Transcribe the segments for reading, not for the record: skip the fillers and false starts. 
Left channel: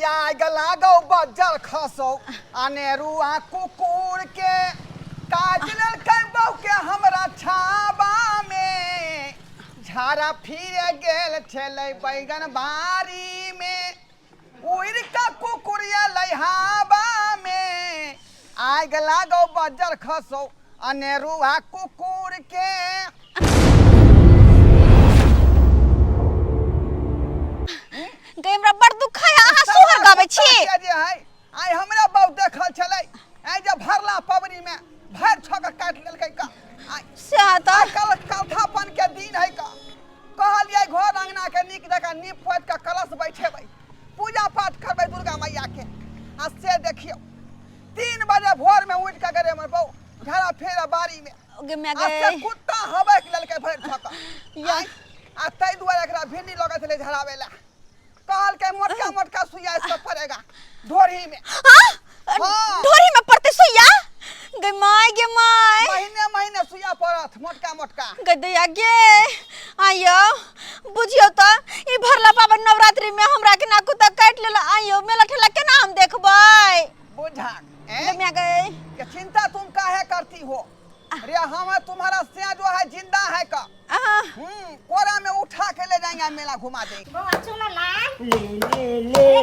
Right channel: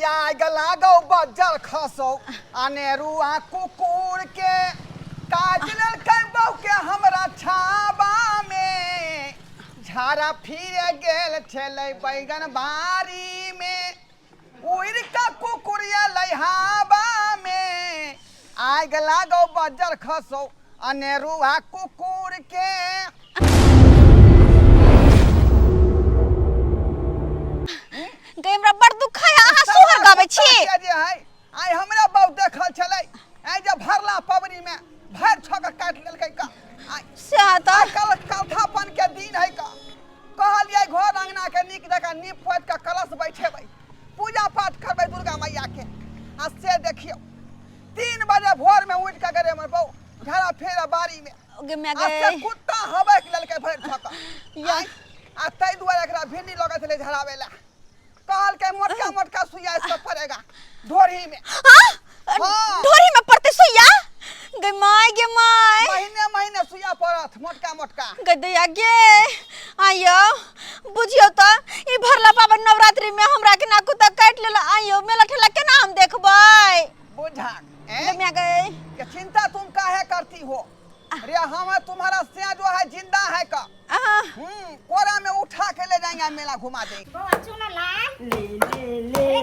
या गला गो बजर खसो अनेरुआ कुकुर के काजल के बहू के हमरा छाबा में झारा फिर गेल छले बैगन बारी में उड़ का कुकुरिया लहाबा में आग लागो बजर खसो अनेरुआ कुकुर के हमरा बड़ दुख है अहाँ सोहर गाबै छी आइ हमरा बहु देखल छलै आइ जे भरला पबनी में भर छक काट लेलकै का से त कलथापन के दिन है का कहलियै घर अंगना के नीक जका नीप पोत के कलश बैठेबै पूजा पाठ करबै दुर्गा मैया के आ से देखियो 3 बजे भोर में उठ के गरे हमर बहु झाड़ा फेरा बारी में गे मैं आ से कुत्ता हबैक लेलकै भर छक आ तै दुआरे एकरा भिन्डी लगै छलै झड़ावेला कहल के मोटका मोटका सुइया इसको पड़ेगा ढोरी में ढोरी में पड़ते सुइया गे माय महीने महीने सुइया पड़त मोटका मोटका गे दैया गे आयो बुझियो त ई भरला बाबा नवरात्रि में हमरा के ना कुत्ता काट लेला आयो मेला ठेला केना हम देखबै बुझा गे मैं गए कि चिंता तुम काहे करती हो अरे हम तुम्हारा सिया जो है जिंदा है का कोरा में उठा के ले जाएंगे मेला घुमा देंगे ले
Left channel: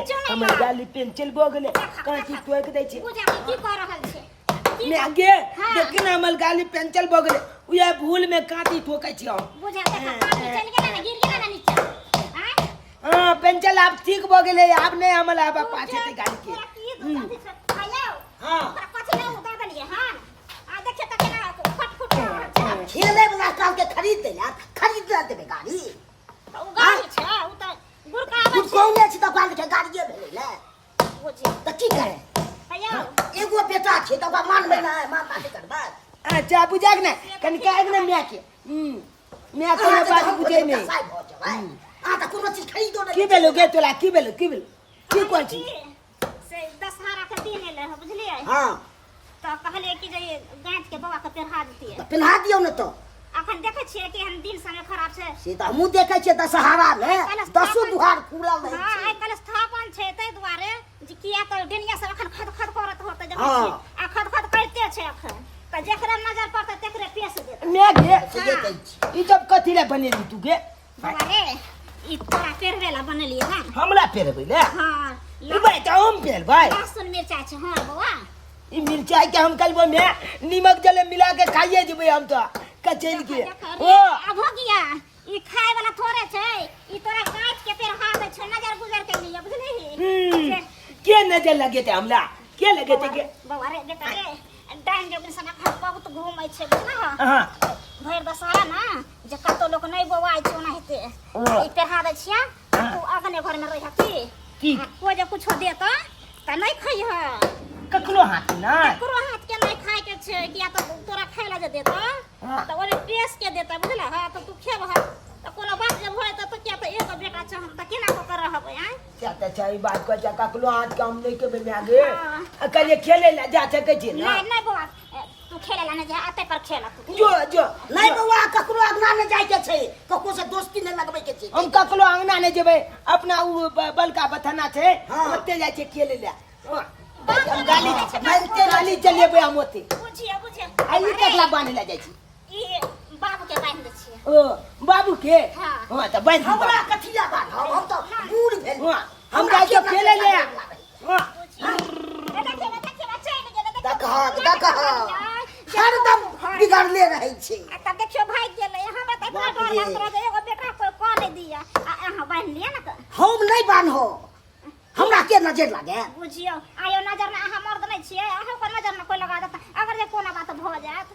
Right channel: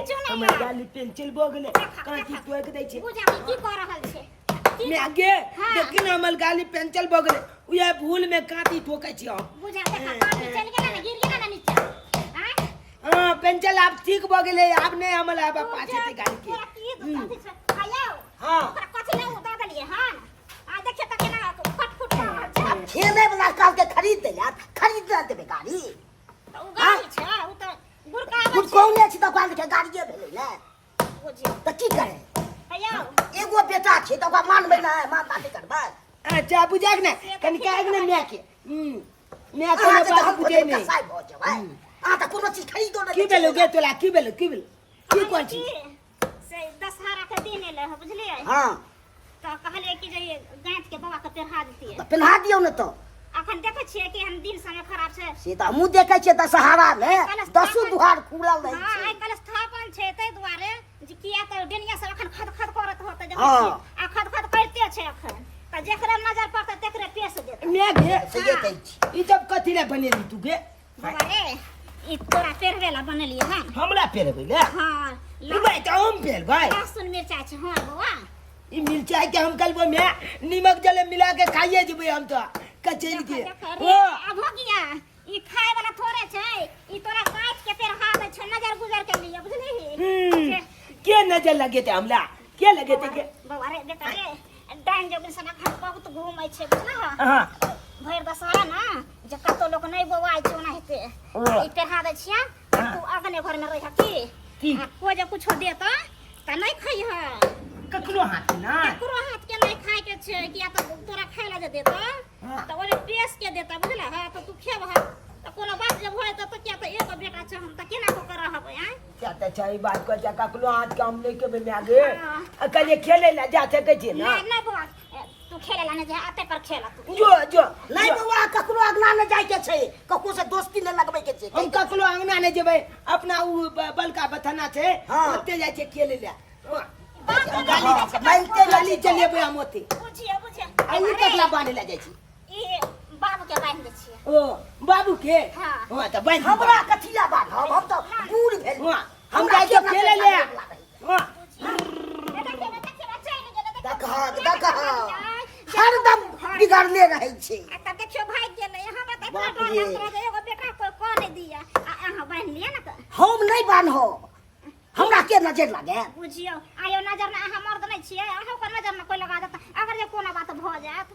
गाली पेंसिल बोगले कांची टोक दै छै पूजा की कर रहल छै मैं आगे देख ना हमर गाली पेंसिल बोगले उया भूल में कांची ठोकै छी पूजा देखा कांची चल गेला ना गिर गेला ना नीचे हां पेंसिल आप ठीक बोगले अब नहीं हमल अब पाछे की गाली के पूरा की दूध से खायो हां पूरा कथि ले उदा देलिए हां आ देखे त केना फटफट कर खेले वाला काल के खरीद दे यार खरीद देबे गाड़ी उ गाड़ी छै उ त गुरका खुद कौने छी त काल के गाड़िए भेलै ने बुझी त की करे खायो एगो बेटा छै त ओकरा मानबै ना मां बात करबै अच्छा बुझाक ना कन काग ना मैं के मैं को बात बुझे नहीं आ त कोनो चीज खरीदो ना की बेलो गे तोला की बेलो की कोन छी से दशहरा के दिन एले ह बुझलिए हां त कहलिए कि जे गांठ के बाबा के पेरहा देतिए त पिन्हा दियौ न त अखन देखे छिए कि हम दिन समय खराब छै से त हमहु देखे छिए दशहरा में 10 दुहार खुलल रहै हां छै आइ कल स्थापन छै तै दुआरे जे किया त डेनिया सब अखन खद करत होत जब आ खद करते छै अखन त जेकरा नजर पड़त तेकरे पेश देत मैं गे से देखे छी ई सब कथि ले बनेली तू गे बाबा रे ई तोरा पेरवेला बनलिए हां हमरा पेरबै ले हां ई भाई त हम पेर भाई लहसुन मिर्चाई छै हां बाबा ई मिर्चाई के हम कलबो में नीमक जले मिला के खाइए जेबै हम त कचेल के ओ अब हो गया ई खाए वाला थोड़े छै ई तोरा काट के पेरहा दे छै नजर गुजर के लिए बुझली के नजर लगे थे हमला के लगे थे के बाबा रे बेटा रे डाइन जब सना खा बहुत घूमै छै बुझला हां भैर दशहरा ना जे कतो लोग नहीं बोवाई छै ओना हेते ई पेरहा दे छिया तू अगने घर में रह की कोई जे कुछो दे त नहीं खई है ककरो हाथ ना ककरो हाथ के नहीं खाए के छै किया त तोरा खाइला जे देत त ओने टेस्ट के देत बुझला हां त तू खेब ह त कोनो बात जे भय त किया त एक बेटा छै हम त केना को कर रहबै आ क्या त छै बात को जा ककरो हाथ काम नहीं के में आगे कल खेले ला जा सके छी ना नहीं नहीं बाबा तू खेले ला नहीं जा आते पर खेला तू जो नहीं बउआ ककरो अगना न जाय के छै ककरो से दोस्ती न लगबै के छै हम ककरो अंगना ने जेबै अपना उ बलका बथना छै ओते जाय छै खेले ला गाली चलेबै हम ओते बुझिए आई ककला बांधे ला जाय छी ई बाबू के बांध दे छिए ओ बाबू के हां त बांध हमरा कथिया बात हम त बूढ़ भेल हम जाय के खेले ले हां देख हरदम बिगड़ले रहै छै त देखियो भाई गेलै हम त डर एगो बेटा कोई को नहीं दिया आ अहाँ बांध लिया ना त हम नहीं बान्हो हमरा के नजर लागे बुझियो आयो नजर में अहाँ मर्द नहीं छिए अहाँ को नजर में कोई लगा देता अगर जे कोनो बात भ जात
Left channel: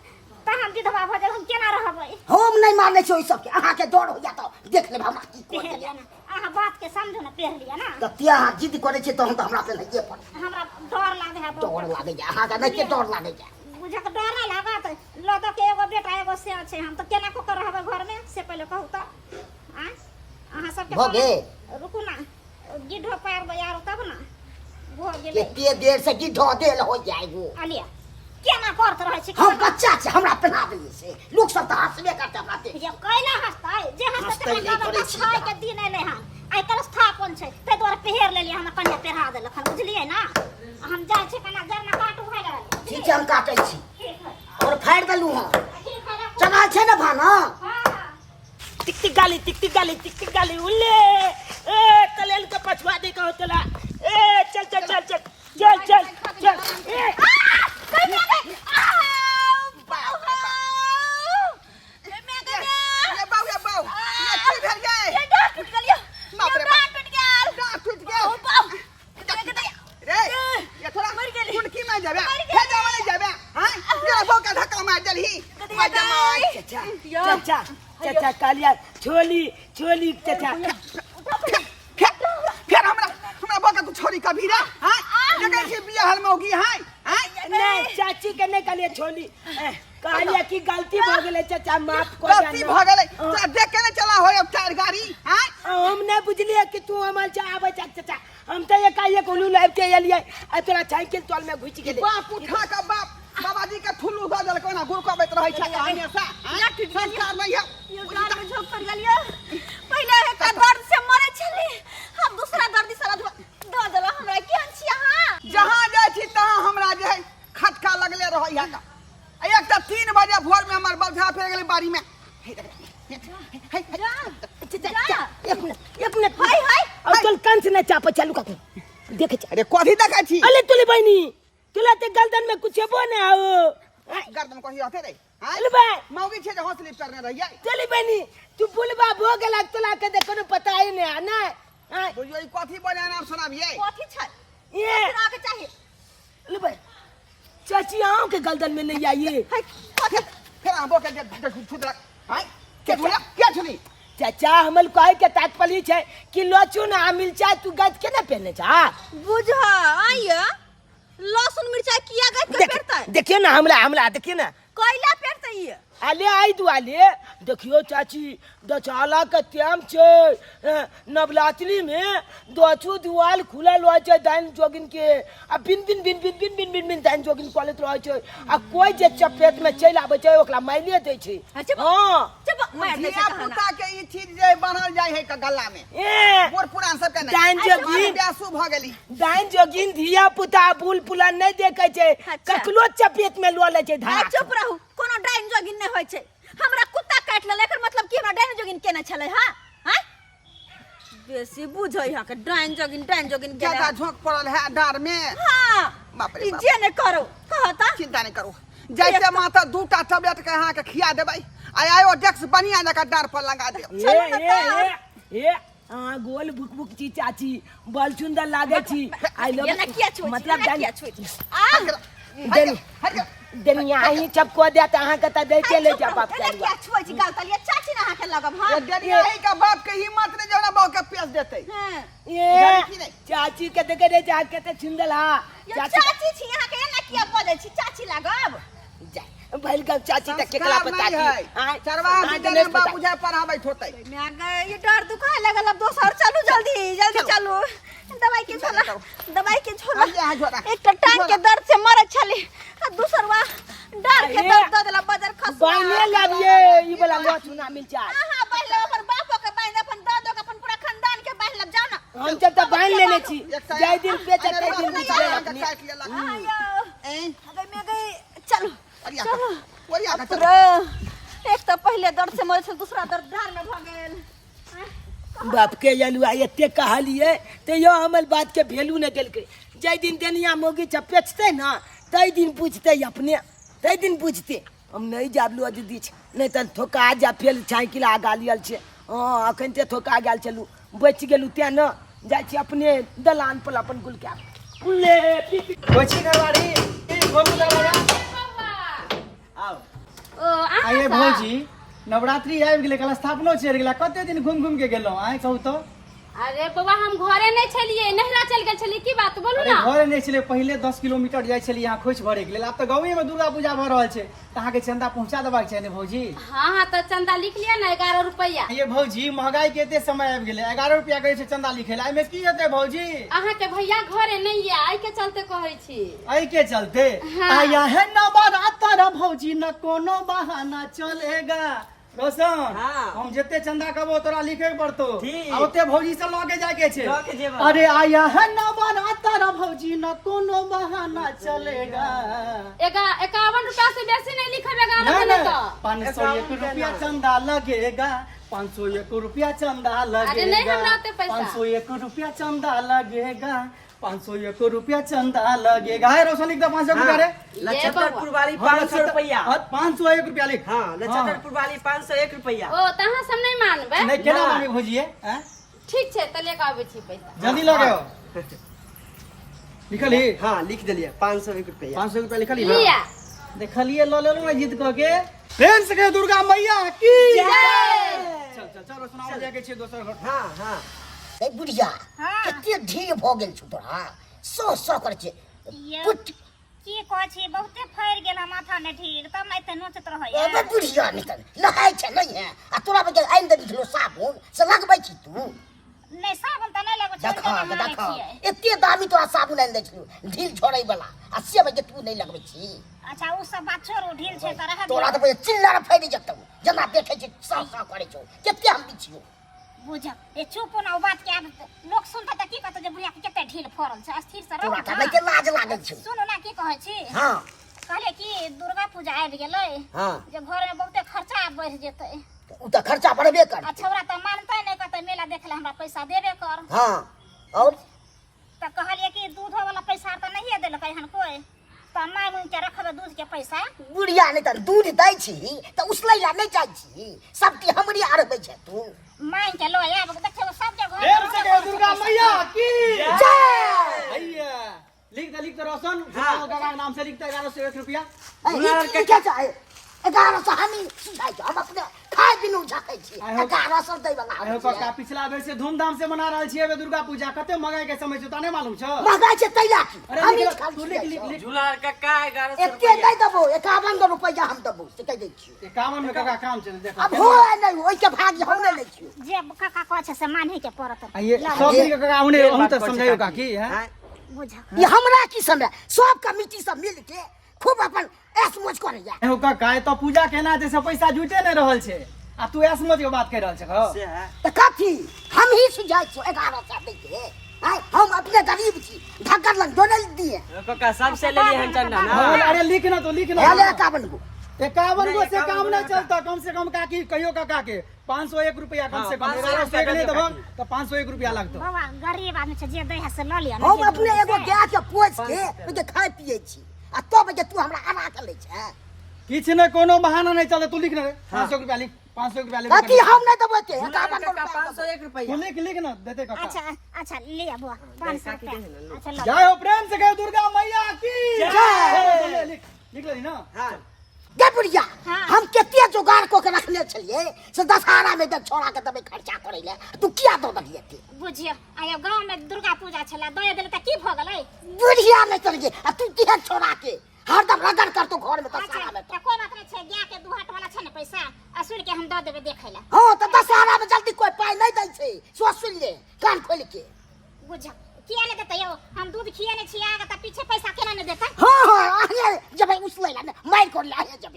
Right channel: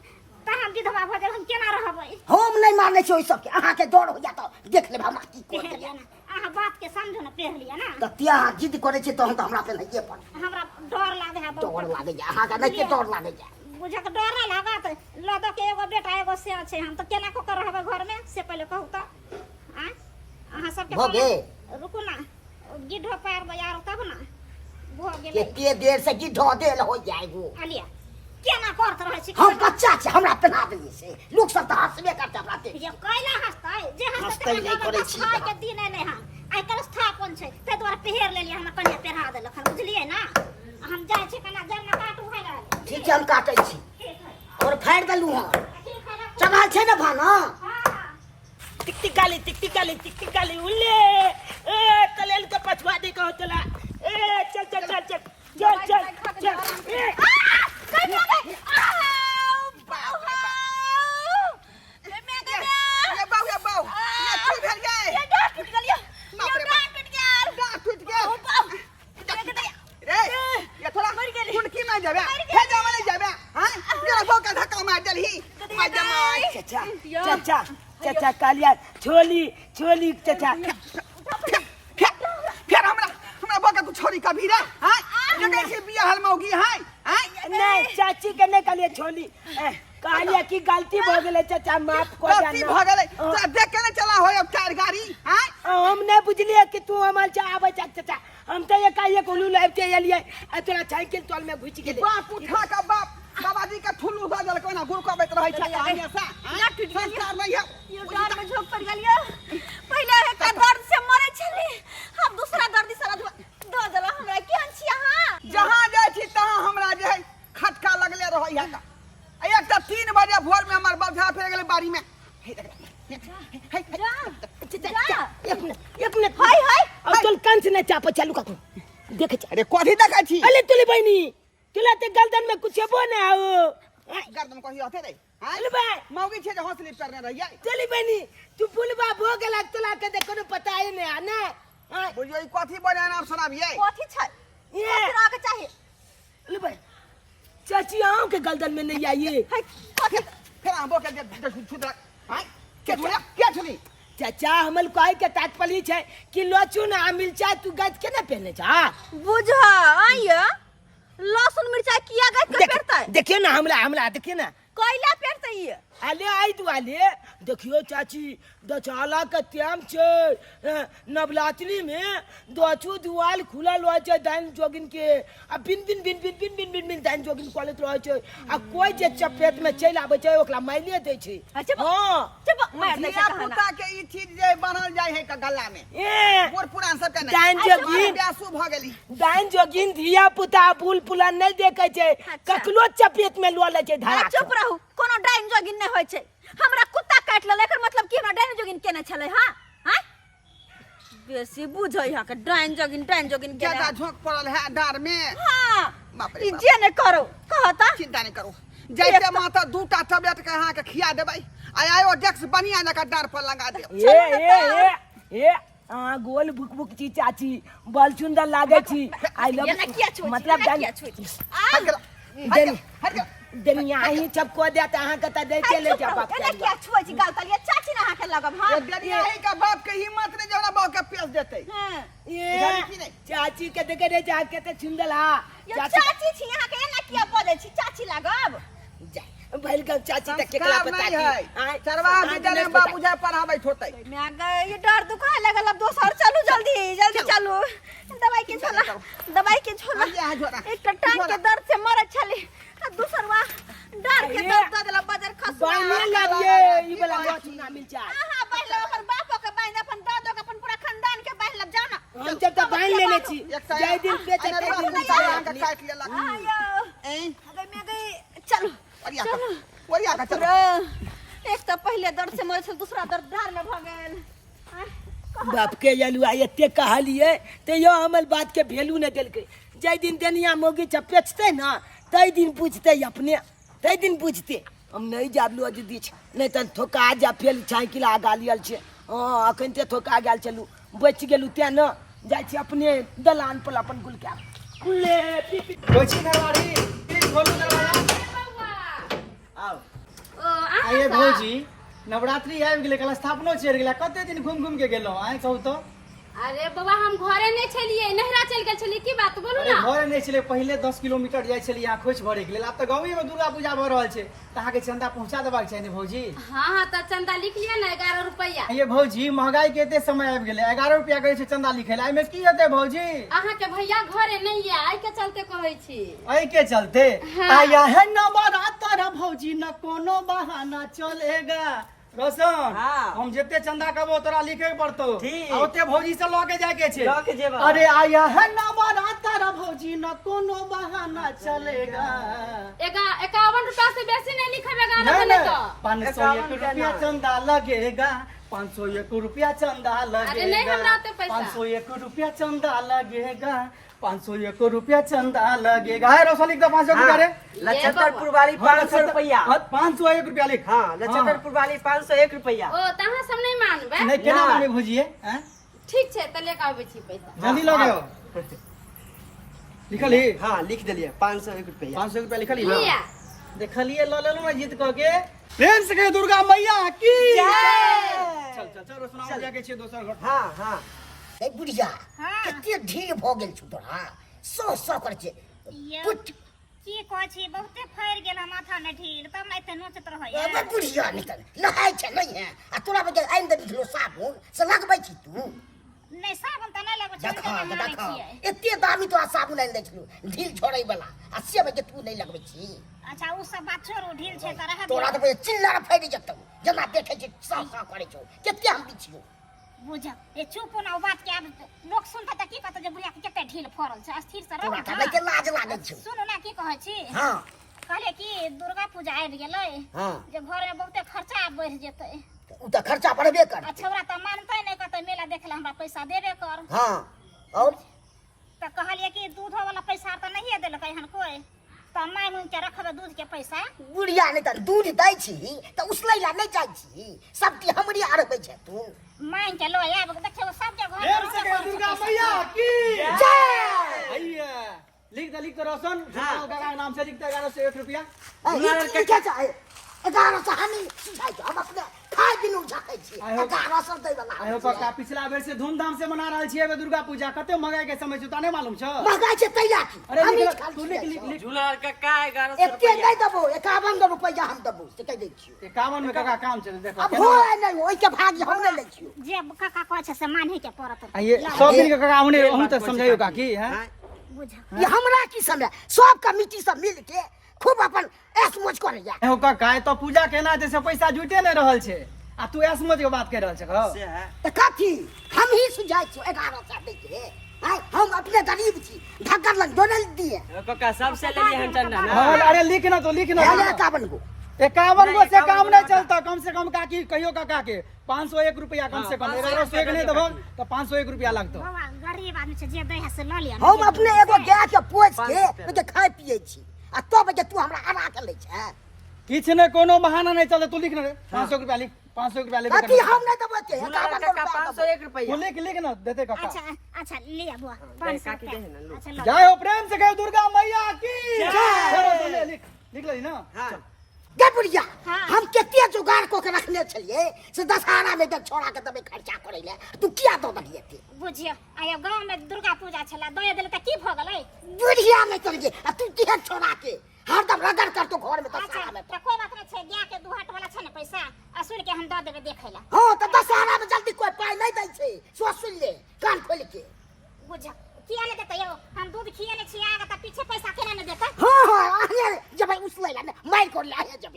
त हम विधवा भ जाब हम केना रहबै हम नहीं माने छी ओइ सब के अहाँ के डर हो जात देख लेब हमरा की कर पेहलिया ना अहाँ बात के समझो ना पेहलिया ना त तिया अहाँ जिद करे छी तहन त हमरा पे नहीं पड़ हमरा डर लागे है डर लागे जा अहाँ के नहीं के डर लागे जा बुझा के डर नहीं लागत लदो के एगो बेटा एगो से छै हम त केना को कर रहबै घर में से पहले कहू त आ अहाँ सब के भगे रुकू ना गिद्धो पैर बयार तब ना भ गेलै केते देर से गिद्धो देल हो जाय वो अलिया केना करत रहै छी हम बच्चा छै हमरा पहना देली से लोग सब त हंसबे करते हमरा पे जे कैला हंसतै जे हंसतै नहीं करे छी के दिन एलै हन आई कलश था कौन छै ते द्वारा पहर लेलिए हम कन्या पहरा देलक हम बुझलिए ना हम जाय छै कना जरना काटू भाई रहल ठीक छै हम काटै छी ठीक है और फाड़ देलू हां ठीक है चढ़ल छै ने भाना टिक टिक गाली उल्ले ए कलेल के पछवा दे कहो चला ए चल ए कहीं में गई ये बाऊ ये की भेल गए ये डांट टूट गया बाप रे डांट टूट गया डांट टूट गया ओ बाप रे ये थोड़ा कुड़की में जाबे हे जावा नहीं जाबे हां तेरा बाऊ का धक्का मार देलही मार दे मार चाचा कालिया छोली चाचा फिर हमरा बाऊ का तू छोरी कभी रे हां जगह से बियाह हल मौगी हां नहीं चाची के नहीं कालिया छोली कालिया की गलती भ गेले चाचा माफ कर गलती भ गेले तोरा देख के न चला हो अब चार गाड़ी हां हम नहीं बुझलिए कि तू हमार चा आवे चाचा हम तो एक उलू लाइव के एलिए आ तोरा साइकिल तोल में घुस गेले बाप उठा का बाप बाबाजी का ठुल्लू द देलको ना गुरको बैत रहै छै हमेशा संस्कार नहीं है ये डांट में झोंक पड़ गया पहले एक दर्द से मरे छली हम दूसरा दर्द से दो देला हमरा केहन छी अहाँ जहां जाय छी तहां हमरा जे है खटका लगले रहै है का एक त 3 बजे भोर में हमर बलझा फेर गेलै बाड़ी में एक मिनट हाय अब चल कान से न चाप चालू का देखे अरे कथि देखै छी अले तुले बहनी तुला ते गर्दन में कुछ हेबो न आओ गर्दन कहि हथे रे अले भाई मौगी छे जे हौसली करने रहिए चली बहनी तू बुलबा भो गेला तुला के देखो पता है ने ना बुझियो ई कथि बने नाम सुनाबिए कथि छै ये कथि के चाहिए अले भाई चाची आओ के गर्दन में नहीं आइए फिर आबो के छुट हां के बोला क्या छली चाचा हमल कहे के तात्पर्य छै कि लहसुन आ मिर्चा तू गज के न पहने जा बुझा आइए लहसुन मिर्चा किया गज के पेरतै देखियो ना हमरा देखियो ना कोयला पेरतै ये आले आई तू आले देखियो चाची दचाला के टाइम छै नवरात्रि में दोचू दुआल खुलल रह छै दान जोगिन के आ बिन दान जोगिन कॉलेज रह छै आ कोई जे चपेट में चल आबै छै ओकरा मायने दै छै हां बुझिया पुता के ई चीज जे बनल जाय है का गल्ला में बूढ़ पुरान सब के दान जोगिन ब्यासु भ गेली दान जोगिन धिया पुता बुल पुला नहीं देखे छै कखलो चपेट में लो ले छै धारा चुप रहू कोनो डाइन जोगिन नहीं होय छै हमरा कुत्ता काट लेल एकर मतलब की हमरा डाइन जोगिन केने छले हां हां बेसी बुझै हा के डाइन जोगिन केने ज्यादा झोंक पड़ल है डार में हां बाप रे ई जे ने करो कहता चिंता नहीं करो जैसे माता दूटा टैबलेट के अहाँ के खिया देबै आयो डेक्स बढ़िया जका डार पर लगा दे ए गोल भुक भुक ची चाची बल सुंदर लागे छी आई लव मतलब दुनिया ही चपको देत अहाँ के त दे के ले जा बाप एना किया छुई छी गाल तलिया चाची ना के लगब हां डरिया है का बाप के हिम्मत ने जौना बाप के पेश देतै हां ये चाची के देखे रे जाके त सुंदर हा चाची छी यहां के एना किया बजै छी चाची लागब भइल का चाची त केकला पता है चरवा विद्यालय में बाबू जाय पढ़ाबै होतै मैं गए ये डर दुखाए लगल अब दोसर चलू जल्दी चलू दवाई के छोड़ा एक तो टांग के दर्द से मरे छली आ दूसरवा डर के दर्द द देला बजर खस बाने लागिए ई वाला मोच ना मिल जा हां पहले अपन बापो के बांध अपन दादो के अपन पूरा खानदान के बांध लब जाओ ना हम जब तक बांध लेने छी जय दिन पे का काट लेला आयो अगर मैं गई चलो ओरिया का चलो एक तो पहले दर्द से मरे छल दूसरा दर्द डार में भ गेल बाप के यलुआ एते कहलिए ते यो हमल बात के वैल्यू न देलकै जय दिन देनिया मोगी चपेचते ना तई दिन पूछते अपने तई दिन पूछते हम नहीं जाबलू दीदी नहीं त ठोका जा फेल साइकिल आगा लियल छे हां अखन ते ठोका गेल चलू बच गेलू ते न जाय छी अपने दलान पर अपन गुल के कुले कोची घरवाड़ी बोलू दरवाजा आओ आइए भौजी नवरात्रि आबि गेलै कल स्थापनो चढ़ि गेला कते दिन घूम घूम के गेलहुं आइ कहू तो अरे बाबा हम घरे नहीं छलिए नहरा चल गेल छलिए की बात बोलू अरे ना घरे नहीं छलै पहिले 10 किलोमीटर जाय छलिए यहाँ खोज भरे के लेल आब तऽ गाँवे में दुर्गा पूजा भ रहल छै त अहाँ के चंदा पहुंचा देबाक छै ने भौजी हाँ तो चंदा लिख लिया ना 11 रुपया ये भौजी महंगाई के एते समय आबि गेलै 11 रुपया कहै छै चंदा लिखै ला एमे की हेतै भौजी अहाँ के भैया घरे नहीं है आई के चलते कहै छी एहि के चलते हाँ। आया है नवरात्र भौजी न कोनो बहाना चलेगा रोशन हाँ। हम जते चंदा कबो तोरा लिखे के पड़तो ठीक। आ ओते भौजी से लगे जाए के छे लगे जेबा। अरे आया है ना बना तारा भौजी न कोनो बहाना चलेगा 51 रुपया से बेसी नहीं लिखेगा नहीं ना नहीं तो 501 रुपया चंदा लगेगा 501 रुपया चंदा अरे नहीं लगेगा हमरा ओते पैसा। 501 रुपया चंदा लगेगा 501 रुपया चंदा लगेगा है रोशन लिख दो 500 रुपया रे नक्षत्रपुर वाली 500 रुपया। 501 रुपया लिख हाँ नक्षत्रपुर वाली 501 रुपया। ओ तहाँ सब नहीं मानबे नहीं केना ना। मांगे भौजी है ठीक छै त लेके आबै छी पैसा जल्दी लगे हो लिखल ही हाँ लिख दिलिए 501 रुपया। 500 रुपया लिखल ही लिया देखलिए लो ले ना जीत कह के प्रेम से कहे दुर्गा मैया की चल चल चल रोशन हम जाके छे दोसर घर हाँ हाँ ए बुढ़िया हाँ। कते ढील भ गेल छु तोरा सो कर छे ये पुट की कहै छी बहुते फैर गेल माथा में ढील तब नहीं ते नोचत रहै ए बुढ़िया निकल नहाय छे नहीं है आ तोरा बजे आइन दे दिलो साबुन से लगबै छी तू नहीं साबुन त नहीं लगै देखा छै देखा एते दामी तोरा साबुन आइन दे छिलो ढील छोड़ै वाला आ से बजे तू नहीं लगबै छी अच्छा उ सब बात छोड़ो ढील छै त रह तोरा तो बजे चिल्ला फैल जतौ जना देखे छी सा करे छौ केते हम बिछियो बुझ ए चुप ना ओ बात के आब लोग सुनता त की कहत जे बुढ़िया के केते ढील फरल छै स्थिर से तोरा रह का नहीं के लाज लागै छौ सुनो ना की कहै छी हां कहले कि दुर्गा पूजा आबि गेलै हां जे घर में बहुते खर्चा बढ़ जेतै उ त खर्चा बढ़बे कर आ छौरा त मानतै नहीं कहतै मेला देखे हमरा पैसा देबे कर हां और त कहलिए कि दूधो वाला पैसा त नहीं देलकै हन कोई त माय मुंह के रखबे दूध के पैसा बुढ़िया नहीं त दूध दै छी त उसलै ला नहीं जाइ छी सबके हमरी आरबै छै तू माय के लो आब देखियो सब के घर प्रेम से कहे दुर्गा मैया की जय भैया लिख दे रोशन जुलाल काका के नाम से लिख दे 1101 रुपया दुलार के क्या चाहे 1100 हमी सुझाई हम अपने खाए बिनु झकै छी 1100 दै वाला आयो काका पिछला बेर से धूमधाम से मना रहल छियै दुर्गा पूजा कते मंगाई के समय छै ताने मालूम छ महंगाई से तैयार छी अरे हमी लिख खाली तू लिख जुलार का 1100 एते रुपया। नहीं दबो 51 रुपया हम दबो से कह दै छी 51 में काका काम चल देखो अब हो नहीं ओइ के भाग हम नहीं लै छी जे काका कहै छै से मानही के पड़त ये सब मिल के काका हमने हम तक समझाइयो काकी है बुझ ये हमरा की समय सब कमिटी सब मिल के खूब अपन ऐस मोज करैया एहो काका तो पूजा केना जैसे पैसा जुटे नहीं रहल छै आ तू ऐसमत के बात कर रहल छ से है त कथी हम ही सुझाई छी 1100 दै के आय हम अपने गरीब छी ढक्कन लग दोनल दिए काका सबसे ले लिए हम चंदा ना हाँ, अरे लिख ना तो लिख ना हेले 51 को 51 को से काम नहीं चलता कम से कम काकी कहियो काका के 501 रुपया कम से कम 1101 नहीं देबो तो 501 रुपया लगतो बाबा गरीब आदमी छै जे दै है से ल लिया हम अपने एगो गाय के पोछ के ओके खाय पिए छी आ तब जे तू हमरा आना के लै छै किछ ने कोनो बहाना नहीं चलता तू लिख ना रे 500 रुपया लिख 500 रुपया ले कथी हम नहीं देबो के 51 रुपया 501 तू रुपया। लिख ना देते काका अच्छा अच्छा लिया बुआ 500 रुपया अच्छा लो जय हो प्रेम से कहे दुर्गा मैया की जय लिख ले ना हाँ गे बुढ़िया हाँ। हम केते जुगाड़ को के रखने छलिए से दशहरा में जब छोड़ा के तबे खर्चा करे ले तू किया दो दलिए के बुझियो आयो गांव में दुर्गा पूजा छला दय देले त की भ गेलै बुढ़िया में चल गे आ तू किया छोड़ा के हरदम रगड़ कर तू घर में अच्छा दशहरा में त कोई बात नहीं छै गाय के दुहाट वाला छै ने पैसा असुर के हम द देबे देखै ला हां त दशहरा में जल्दी कोई पाई नहीं दै छै सो सुन ले कान खोल के बुझ किया ने देतै यो हम दूध खियेने छी आगे त पीछे पैसा केना ने देतै हां हां आगे जब उसले ला मार कर ले आगे जब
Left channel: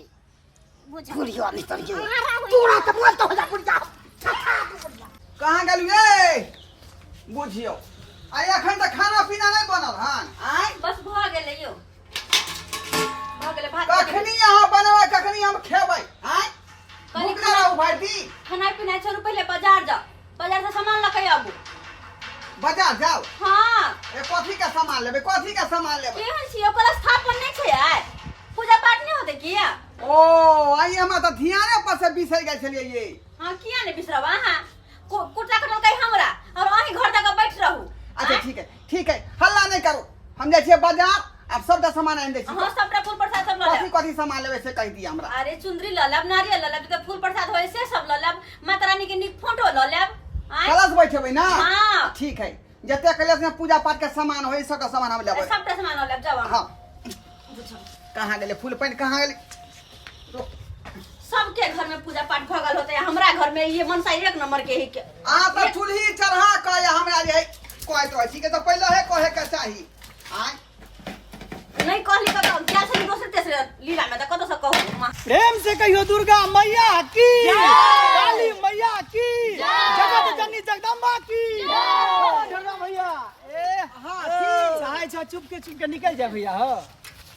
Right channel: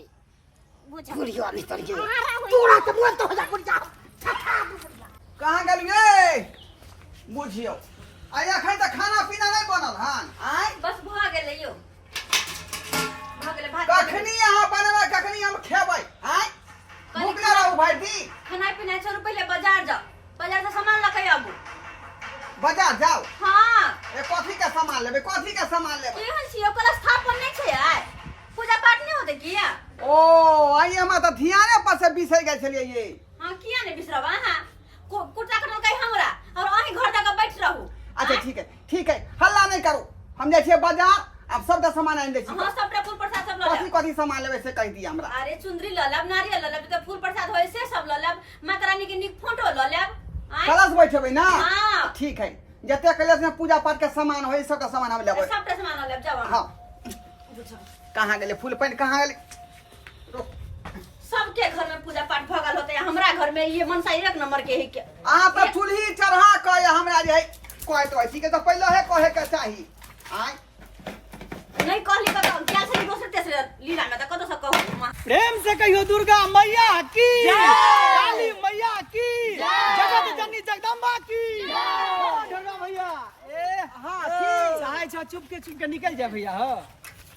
बुझ बुढ़िया नहीं कर गे आरा होई। तोरा तो मन तो हो जा बुढ़िया छठा बुढ़िया कहाँ गेलू ए बुझियो आ एखन त खाना पीना नहीं बनल हन आय बस भ गेलै यो भ गेलै भात कखनी अहाँ बनबै कखनी हम खेबै आय भूख ना रहू भाई दी खाना पीना छोड़ू पहले बाजार जाओ बाजार से सामान लके आबू बाजार जाओ हाँ ए कथी के सामान लेबै कथी के सामान लेबै केहन छियै ओकर स्थापन नहीं छै आय पूजा पाठ नहीं होते किया ओ आई हमरा त ध्याने पर से बिसरि गेल छलिए ये हाँ किया नहीं बिसरब अहाँ कुटा कटल कहीं हमरा और अहीं घर तक बैठ रहू अच्छा ठीक है हल्ला नहीं करू हम जाइ छियै बाजार अब सबटा सामान आनि दै छी हाँ सबटा फूल प्रसाद सब ल कथी लेब कथी सामान लेबै से कहि दिअ हमरा अरे चुंदरी ल लेब नारियल ल लेब तो फूल प्रसाद होय से सब ल लेब माता रानी के नीक फोटो ल लेब आय कलश बैठेबै ना हाँ। ठीक है जते कलश में पूजा पाठ के सामान होय सबटा सामान हम लेबै सबटा सामान ल लेब जाओ हाँ कहाँ गेलै फूल पानि कहाँ गेलै सबके घर में पूजा पाठ भगल होते है हमरा घर में ये मनसा एक नंबर के ही के आ त चूल्ही चढ़ा के हमरा जे कहै तो छी के त पहिले है कहे के चाही आय नहीं कहली कत क्या से दोसर तेसर लीला में त कत से कहू प्रेम से कहियो दुर्गा मैया की, काली मैया की, जगत जननी जगदम्बा की। दुर्गा भैया ए चाहे छ चुप के निकल जाए भैया हो।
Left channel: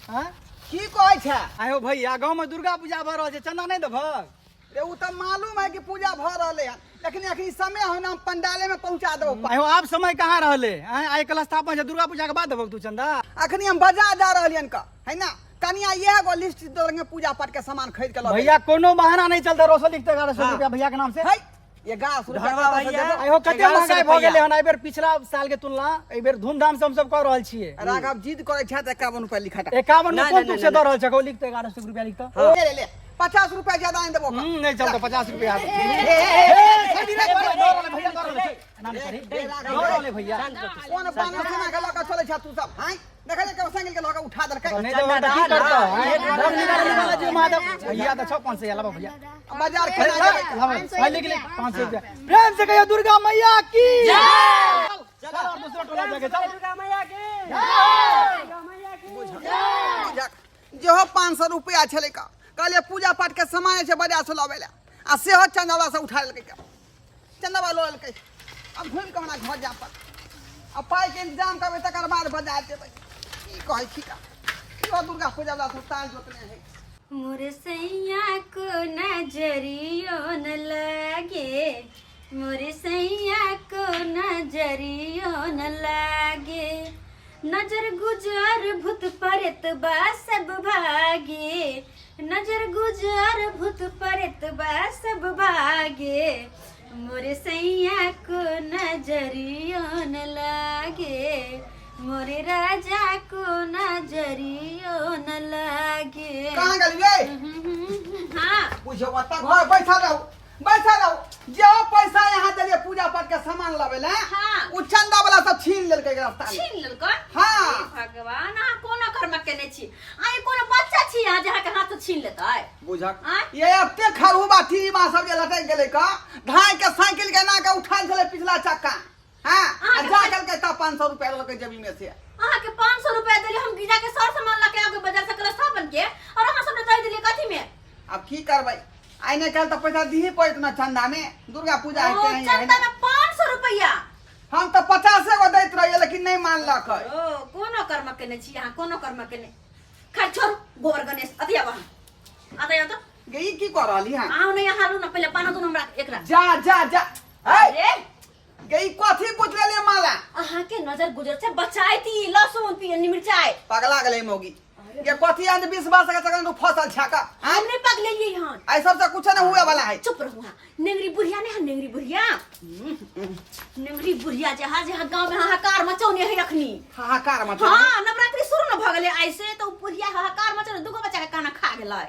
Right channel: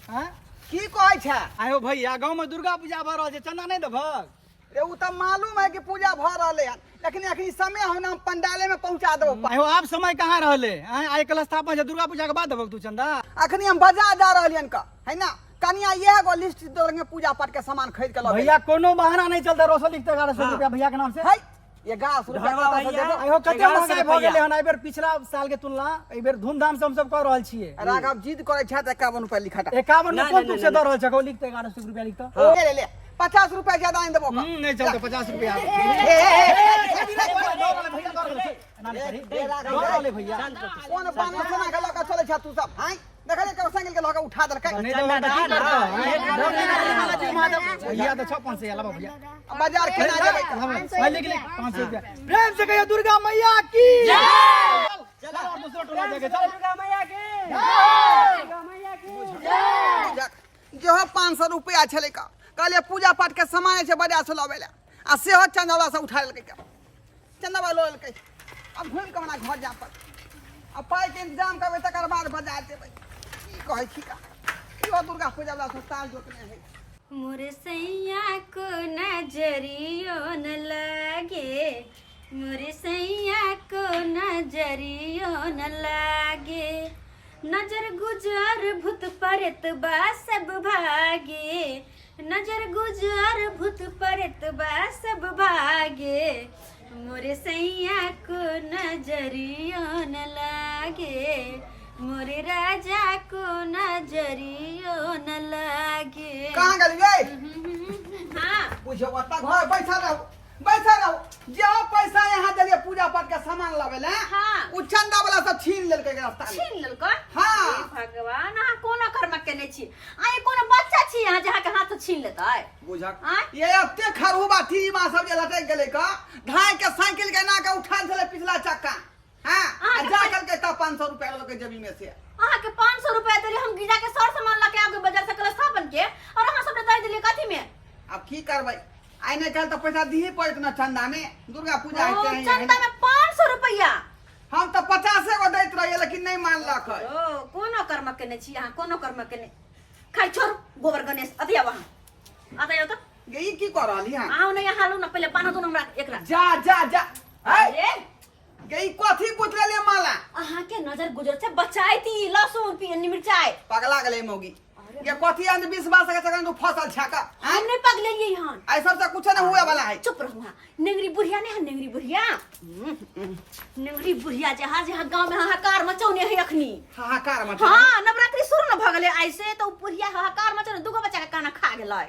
हां की कहै छै? आयो भैया गांव में दुर्गा पूजा भ रहल छै, चंदा नहीं देबहक? रे उ त मालूम है कि पूजा भ रहले हन, लेकिन अखनी समय हो ना पंडाले में पहुंचा देबो। आयो आप समय कहाँ रहले? आइ कल स्थापन छै, दुर्गा पूजा के बाद देबहक तू चंदा? अखनी हम बाजार जा रहलियन का है ना, कनिया यह गो लिस्ट देंगे पूजा पाठ के सामान खरीद के लो भैया कोनो बहाना नहीं चलता। रोसो लिखते 1100 रुपया भैया के नाम से। है ये गाछ रुपया से देबो। आयो कते महंगाई भ गेले हन, एबेर पिछला साल के तुलना एबेर धूमधाम से हम सब कर रहल छियै। राघव जिद करे छै त 51 रुपया लिखा 51 में कोन तुक से द रहल छै? को लिखते 1100 रुपया लिखते। ले ले ले 50 रुपया ज्यादा नहीं देबो का। नहीं चलतो 50 रुपया। भैया कौन पाना सोना के लगा चले छ तू सब? हैं देखले के साइकिल के लगा उठा देलकै। भैया तो 500 से लाबो भैया बाजार के ना जाबे। भाई लिख ले 500 रुपया। प्रेम से कहियो दुर्गा मैया की जय। चलो दूसरा टोला जाके दुर्गा मैया की जय। जो 500 रुपया छले का कहले पूजा पाठ के सामान से बाजार से लावेला आ सेहो चंदावा से उठा लेलकै का। चंदावा लो लेलकै। अब घूम के हमरा घर जा पर अब पाई के इंतजाम करबे तकर बाद बाजार जेबै। की कहै छी का यो दुर्गा पूजा वाला साल जोतने है। मोरे सैया को नजरियो न लगे, मोरे सैया को नजरियो न लागे, नजर गुजर भूत परत बा सब भागे, नजर गुजर भूत परत बा सब भागे, मोरे सैया को नजरियो न लागे, मोरे राजा को नजरियो न लागे। कहां गेली रे? हाँ बुझो ओता घर बैठा रहो जो पैसा यहाँ देलिए पूजा पाठ के सामान लावेला हाँ। उ चंदा वाला सब छीन लेलकै रास्ता में। छीन लेलकै? हाँ। भगवान अहाँ कोना कर्म केने छी? आइ कोनो बच्चा छी अहाँ जहाँ के हाथ छीन लेतै? बुझक आँय? ये अत्ते खरहुबा टीमा सब जे लटक गेलै का धाय के साइकिल के ना के उठाल छले पिछला चक्का। हां अहाँ जा कल के 500 रुपया लेलकै जेबी में से। अहाँ के 500 रुपया देली, हम गिजा के सर सामान लाके आगे बाजार से कलश स्थापन के, और अहाँ सब दे देली कथी में? अब की करबै? आइ नहीं कल तो पैसा दिही पड़त ना चंदा में। दुर्गा पूजा ओ, है चंदा में 500 रुपया? हम तो 50 गो दैत रहिए लेकिन नहीं मानलक। ओ कोनो कर्म केने छी अहाँ? कोनो कर्म केने? खैर छोड़ू, गोबर गणेश अति आब अहाँ अतय तो गई की कर रहली हां? आओ नहीं हालू ना, पहले पाना दून हमरा एकरा। जा जा जा अरे गई कथी पूछ लेले माला? अहाँ के नजर गुजर से बचाईती लहसुन पियनी मिर्चाई। पगला गेलै मौगी ये कथी अंध 20 का सेकंड तू फसल छाका। हम नहीं पगले लिए हन। ऐसा से कुछ न हुए वाला है। चुप रहो हाँ। नेंगरी बुढ़िया नहीं है, नेंगरी बुढ़िया, नेंगरी बुढ़िया जहाँ जहाँ गांव में हाहाकार मचौने है अखनी। हाहाकार मत। हाँ नवरात्रि शुरू न भ गेलै ऐसे तो बुढ़िया हाहाकार मचौने दुगो बच्चा के खाना खा गेलै।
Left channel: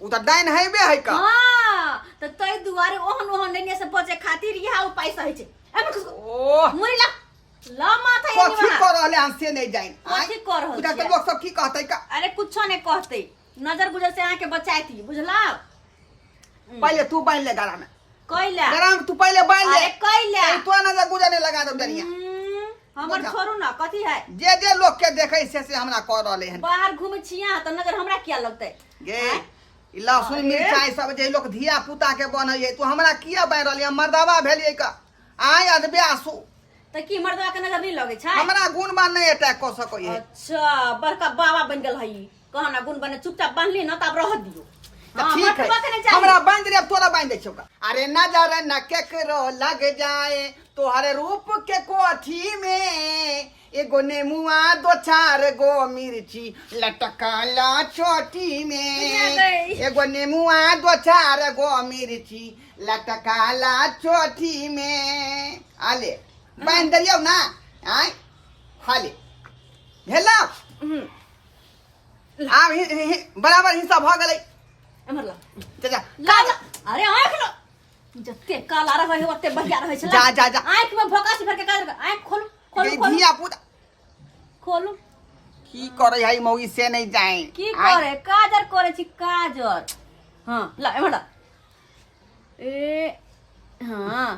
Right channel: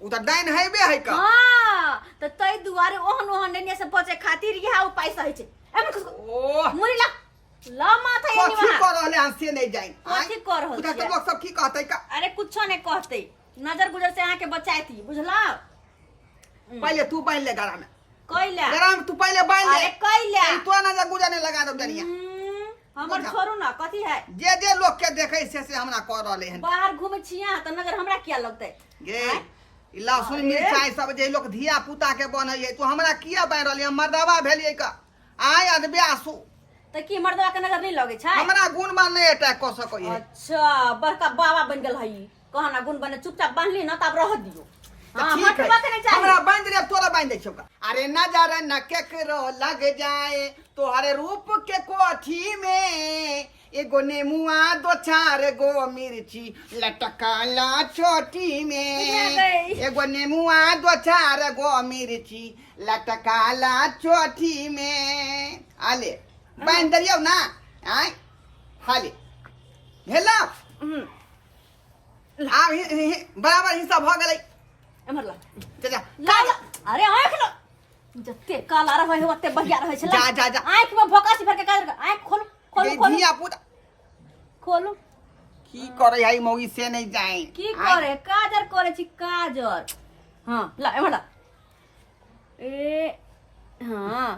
उ त डाइन हैबे है का। हाँ तो तै दुआरे ओहन ओहन नेने से बचे खातिर यह उपाय सही छै। एमे ओह मुरी ला माथा ये कथी निवा कर रहले हम से नहीं जाइन। कथी कर रहल उधर छियै? सब लोग सब की कहतै का? अरे कुछो नहीं कहते, नजर गुजर से आके बचाती बुझला। पहले तू बांध ले गला में। कैला गला में तू पहले बांध ले। अरे कैला तो नजर गुजरने लगा दम डरिया। हमर छोड़ू ना कथी है? जे लोग के देखे से हमरा कर रहले हन। बाहर घूमे छिया तो नजर हमरा क्या लगते? गे ई लहसुन मिर्चाई सब जे लोग धिया पुता के बनैए तू हमरा किया बांध रहली? हम मर्दवा भेलिए का आय अदबे आसू तो की मर्दवा के नजर नहीं लगे छै? हमरा गुण मान नहीं अटैक कर सको है। अच्छा बड़का बाबा बन गेल हई कहना गुण बने चुपचाप बांधली ना तब रह दियो। हां ठीक मटवा के है नहीं चाहिए। हमरा बांध रे तोरा बांध दे छौका। अरे नजर न केकरो लग जाए तोहरे रूप के कोठी में, एगो नेमुआ 2-4 गो मिर्ची लटकाला चोटी में, एगो नेमुआ 2-4 गो मिर्ची लटकाला चोटी में। आले बांध दरियो ना आय हाले भेला। आब बराबर हिस्सा भ गेलै। एमर ला जा ला अरे आंख लो जत्ते काला रहे हो ओत्ते बढ़िया रहे छै। जा जा जा आंख में भोकासी भर के काजर आंख खोलो खोलो ये खोलो धिया पुता खोलो। की करे है मौगी से नहीं जाए की करे? काजर करे छी काजर। हां ला एमर ला ए हां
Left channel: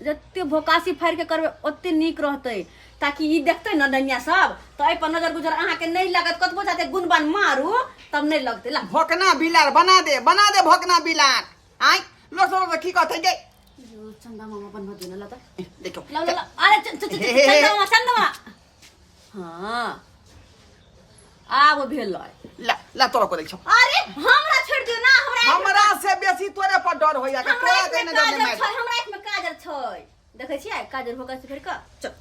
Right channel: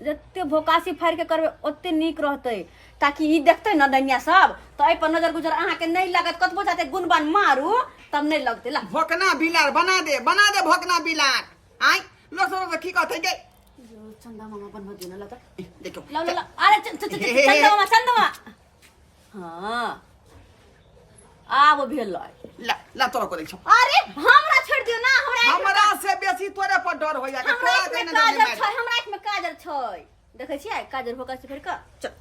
जत्ते भोकासी फाड़ के करबे ओत्ते नीक रहते, ताकि ई देखते न दुनिया सब तो ए पर नजर गुजर अहाँ के नहीं लागत। कतबो जाते गुणबान मारू तब नहीं लगते ला भोकना बिलार बना दे भोकना बिलार आई लोग सब की कहते गे जो चंदा मामा बनवा देना ला देखो ला ला ला अरे चंदा मामा हां आ वो भेल ला तोरा को देखो अरे हमरा छोड़ दियो ना हमरा से बेसी तोरे पर डर होया के हमरा तोरा इसमें देने काजर छै हमरा इसमें काजर छै देखै छियै काजर होका से फिर का चल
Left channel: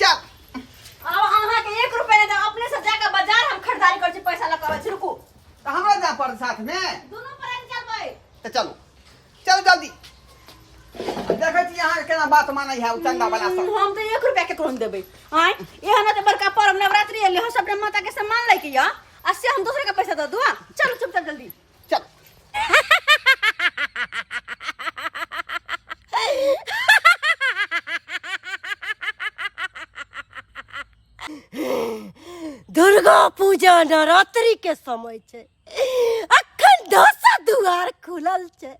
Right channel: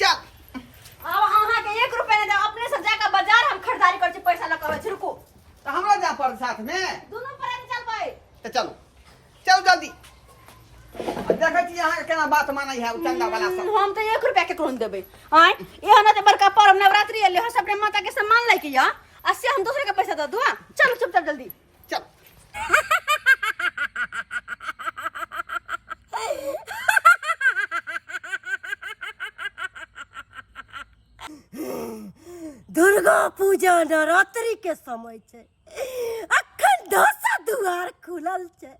चल अब अहाँ के 1 रुपया दे अपने से जाके बाजार हम खरीदारी कर छी पैसा लगावे छी रुकू तो हमरा जा पर साथ में दोनों पर चलबै तो चलो चल जल्दी देखै छी अहाँ केना बात मानै है चंदा वाला सब हम तो 1 रुपया के कोन देबै आय एहन त बड़का पर्व नवरात्रि एले हम सब माता के सम्मान लै के या आ से हम दूसरे के पैसा दे दूं चलो चुपचाप जल्दी चल दुर्गा पूजा नवरात्रि के समय छे अखन 10 दुआर खुलल छे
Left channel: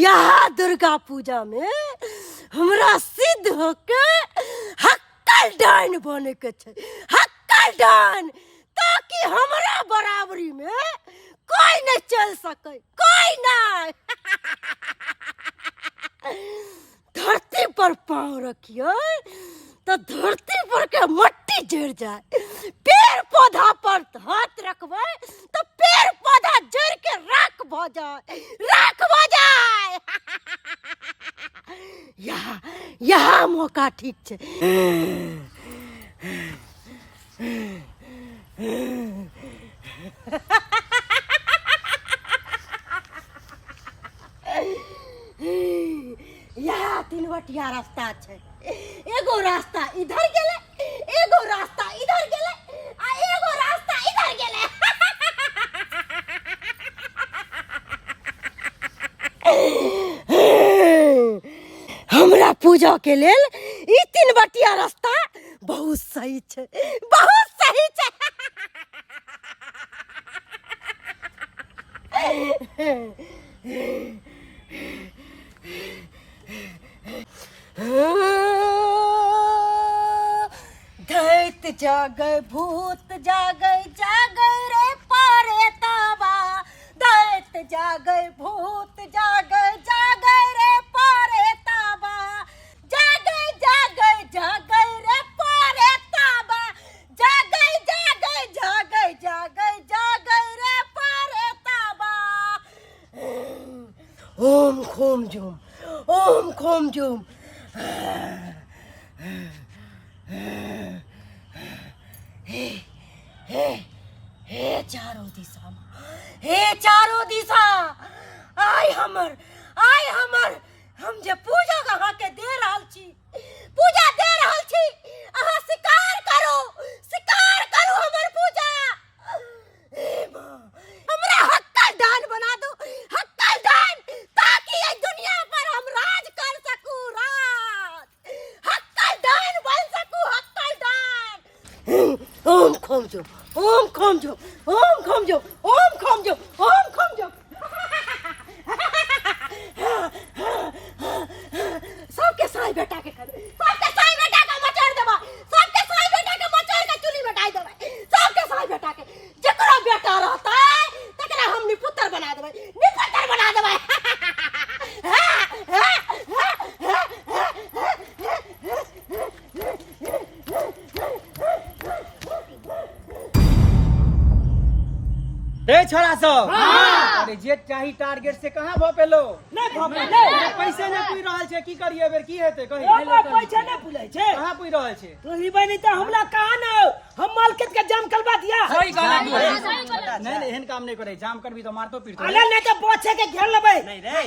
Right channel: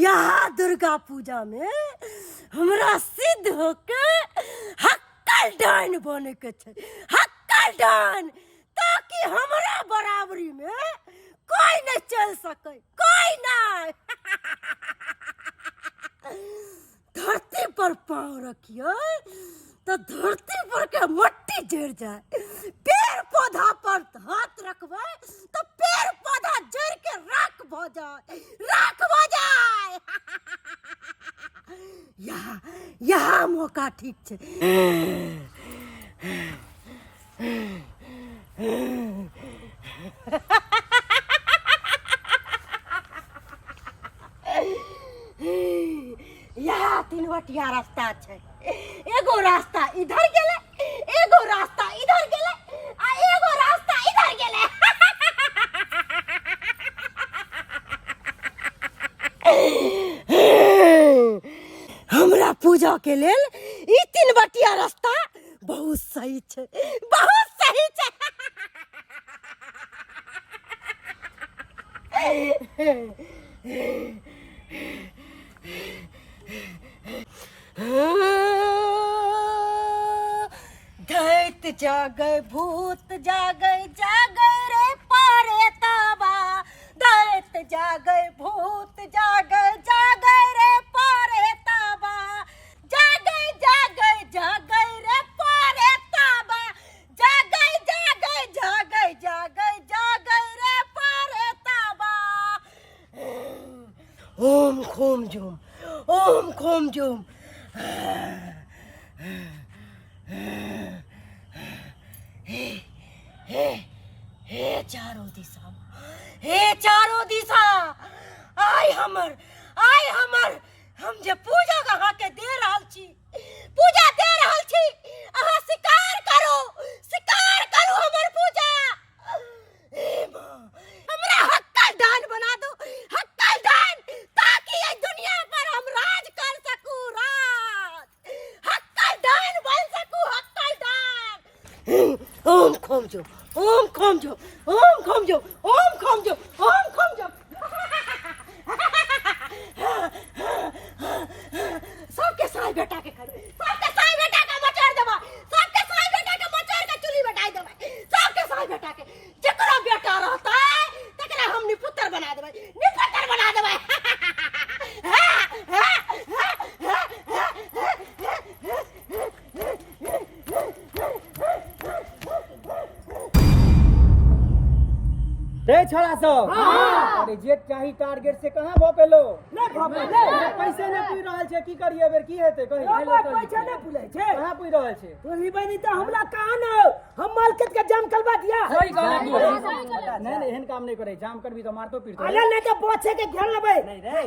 यहाँ दुर्गा पूजा में हमरा सिद्ध होके हक्कल डाइन बने के छे हक्कल डाइन ताकि हमरा बराबरी में कोई नहीं चल सके कोई नहीं धरती पर पाँव रखिए तो धरती पर के मट्टी जड़ जाए पेड़ पौधा पर हाथ रखबे तो पेड़ पौधा जड़ के राख भ जाए यहाँ मौका ठीक छे यहाँ 3 बटिया रास्ता छे एगो रास्ता इधर गेले एगो रास्ता इधर गेले आ एगो रास्ता इधर गेले हमरा पूजा के लेल ई 3 बटिया रास्ता बहुत सही छे बहुत सही छे दैत जागे भूत जागे जागे रे पारे ताबा दैत जागे भूत जागे जागे रे पारे ताबा जागे जागे जागे रे पारे ताबा जागे जागे जागे जागे जागे रे पारे ताबा ओम खोम झूम हे चारों दिशा आय हमर हम जे पूजा अहाँ के दे रहल छी अहाँ शिकार करू हमर पूजा ए मां हमरा हक्कल दान बना दो हक्कल दान ताकि ये दुनिया पर हम राज कर सकूं हक्कल दान बन सकूं हक्कल दान ओम खोम जो सबके साई बेटा के मचार देबा सबके साई बेटा के मचार के चुली बैठाई देबा सबके साई बेटा के जकरा बेटा रहता है तकरा हम निपुत्र बना देबा ए छोरा सब अरे जे चाही टारगेट से कहां भ पेलो पैसे नै पुइ रहल छै की करिए बेर की हेतै कहि पैसा नहीं पुले छे कहां पुइ रहल छै तो लिबे नहीं तो हमला कहा न हम मार्केट के जाम करवा दिया सही कहला नहीं एहन काम नहीं करे जाम करबी तो मारतो पीटतो अरे नहीं तो बच्चे के घेर लेबे नहीं रे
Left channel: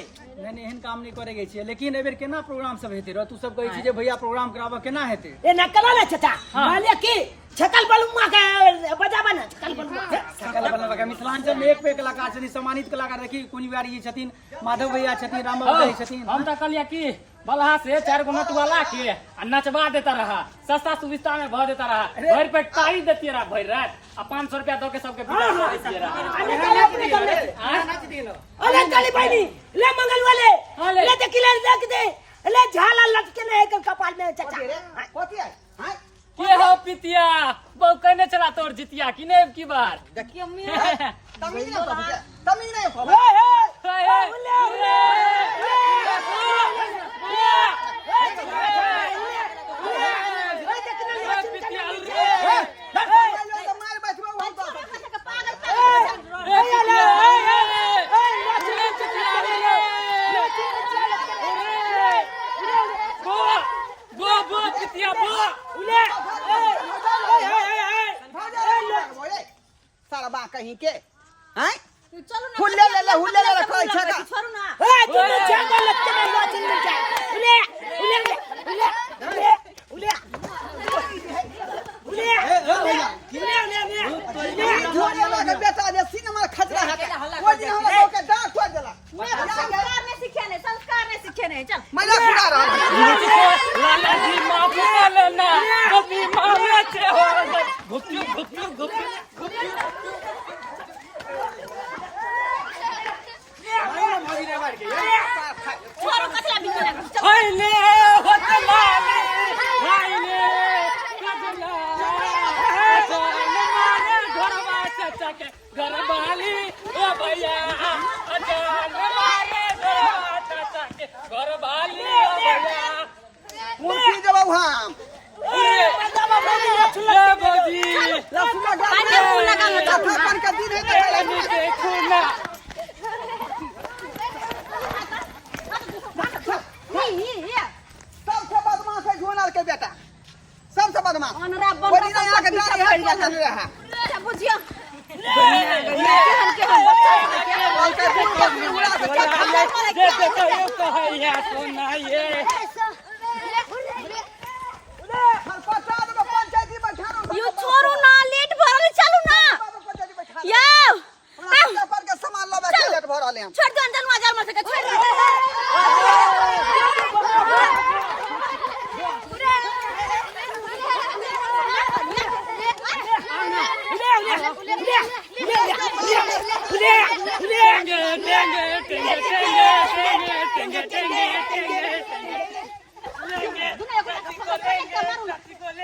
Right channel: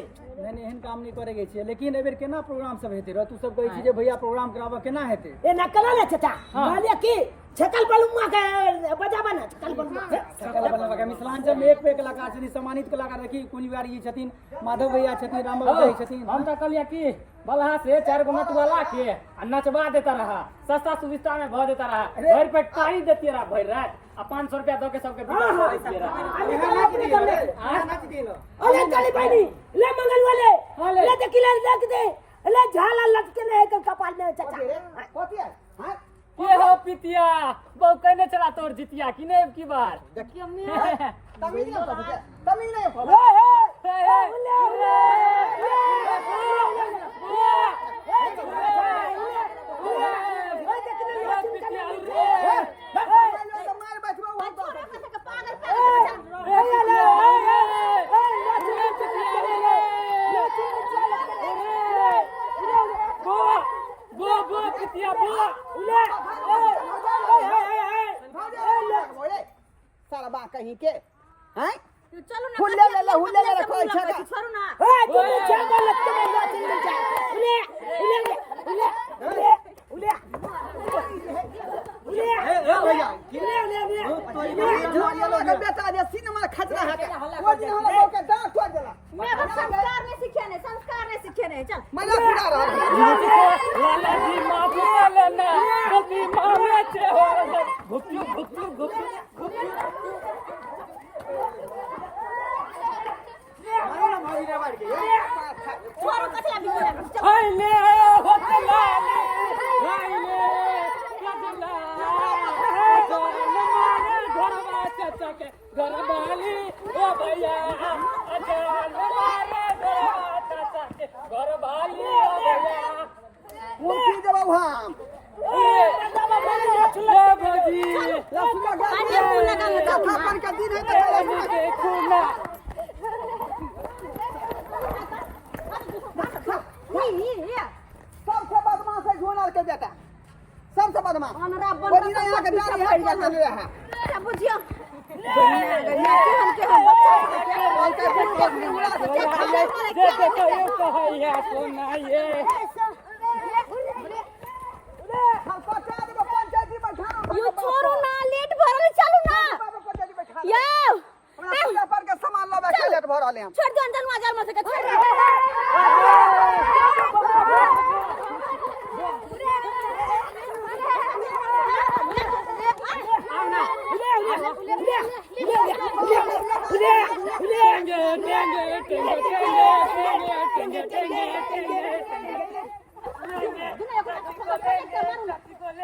नहीं एहन काम नहीं करे छै लेकिन एबेर केना प्रोग्राम सब हेतै र तू सब कहै छी जे भैया प्रोग्राम कराबा केना हेतै ए ना कला ना चाचा मालिया की छकल बलुआ के बजाबा ना छकल बलुआ के मिथिलांचल में एक पे कलाकार छथिन सम्मानित कलाकार देखी कुनिवारी जी छथिन माधव भैया छथिन राम बाबू जी छथिन हम तो कहलिए कि बलहा से 4 गो नटवाला के आ नचवा देता रहा सस्ता सुविस्ता में भर देता रहा भर पे टाई देती रहा भर रात आ 500 रुपया दो के सबके बिदा कर देती रहा अरे चली भाई ले मंगल वाले ले देखिले रख दे ले झाला लटके नहीं कर कपाल में चाचा कथि है हां ये हो पितिया बहु कहने चला तोर जितिया कि ने की बार तमीज नहीं कहबे तमीज नहीं कहबे तो मार बैठबो हम तो सारा बा कहीं के हैं चलो ना हुल्ले ले कोई छका छोड़ो ना बेटा जे सिनेमा खतरा है वो दिन हमरा लोग के डांट खोल देला संस्कार नहीं सीखे नहीं चल मजा पूरा रहा लाला जी माफ कर लेना कभी मामे से हो गुप्तू छोरो कचरा भी बना चल हायले होतलाले हायले कजला अचान मारे घरवा चाचा के घरवाली ओ भैया अचान मारे घरवा चाचा के घरवाली ओ भैया मुर्गी जब हम ये भौजी लफुला गा पानी मुंह लगा मत अपन का दिन है तो चला देखो ना सबसे बदमाश है झोनर के बेटा सबसे बदमाश अनरा बन वो दिन आके गाड़ी हाथ में चल रहा क्या बुझियो के हम बच्चा के उड़ा के क्या खा देखो ये कहैया सोना ये पता दो पंचायती बैठा यू छोरू ना लेट भरल चलू ना पंचायती बैठा यो उड़ा पर के सामान लबा के लेट भरल हैं छोड़ दो अंदर मजा मत के छोड़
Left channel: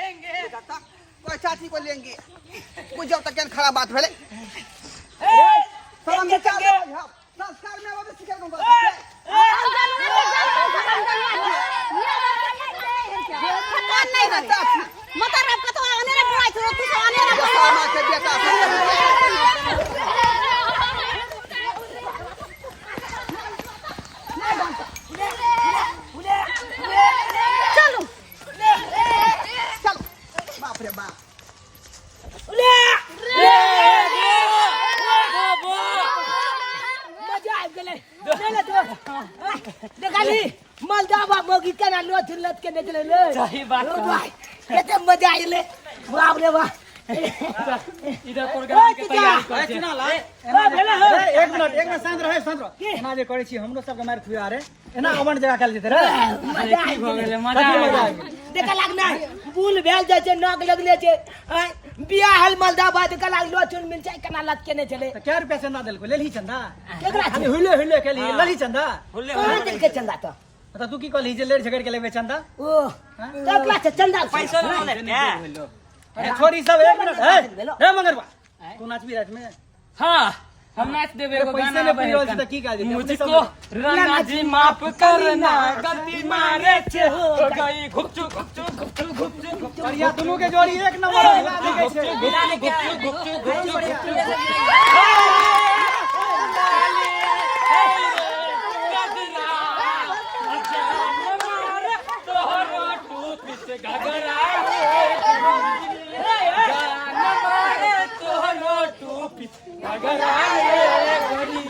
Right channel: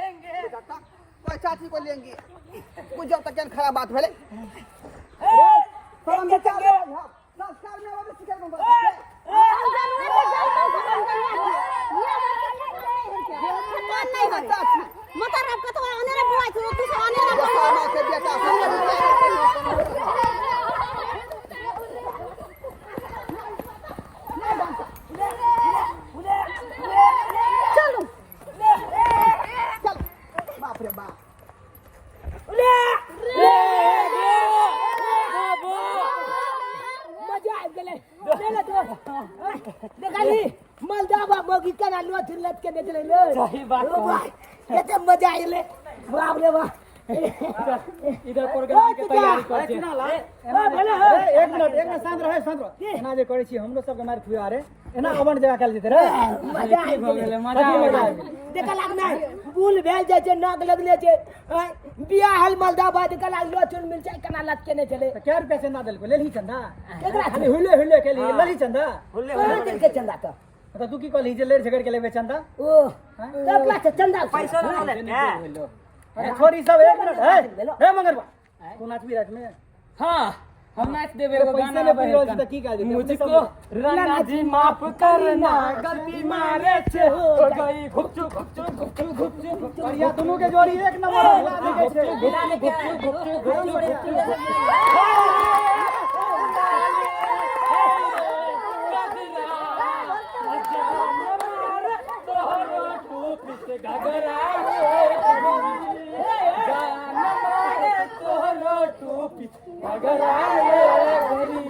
कोई चाची को लेंगे कुछ जब तक खराब बात भेले शर्म के चाल संस्कार में वो तो सिखा दूंगा के बेटा चलो चल बाप रे बाप मजा आ गेलै चले तो देखली मलदावा मोगी केना लोथ लत के निकले ले सही बात ओ भाई केते मजा आइले बाप रे बाप इधर प्रोग्राम के तैयारी कर छे एक मिनट शांत रहे एना जे करै छी हमरो सब के मार खुआ रे एना अवन जगह काल जेते रे मजा आ गेलै मजा देख लाग ना बुल भेल जाय छै नाक लगले छै बियाह हल मलदावा त कला लोचुन मिल छै केना लत के ने चले तो क्या रुपया चंदा देलको लेली चंदा केकरा खाली हुले के लिए लेली चंदा कहां दिल के चंदा तो तू की कहली जे लेड़ झगड़ के लेबे चंदा ओ कतला से चंदा पैसा छोरी सब एक मिनट हे मगरबा तू नाचबी रात में हां हम नाच देवे एगो पैसे गाना में बहे पीरोज त की काज मुझको राना जी माफ करना गलती मारे छे हो गई घुपचू या दोनों के जोड़ी एक नंबर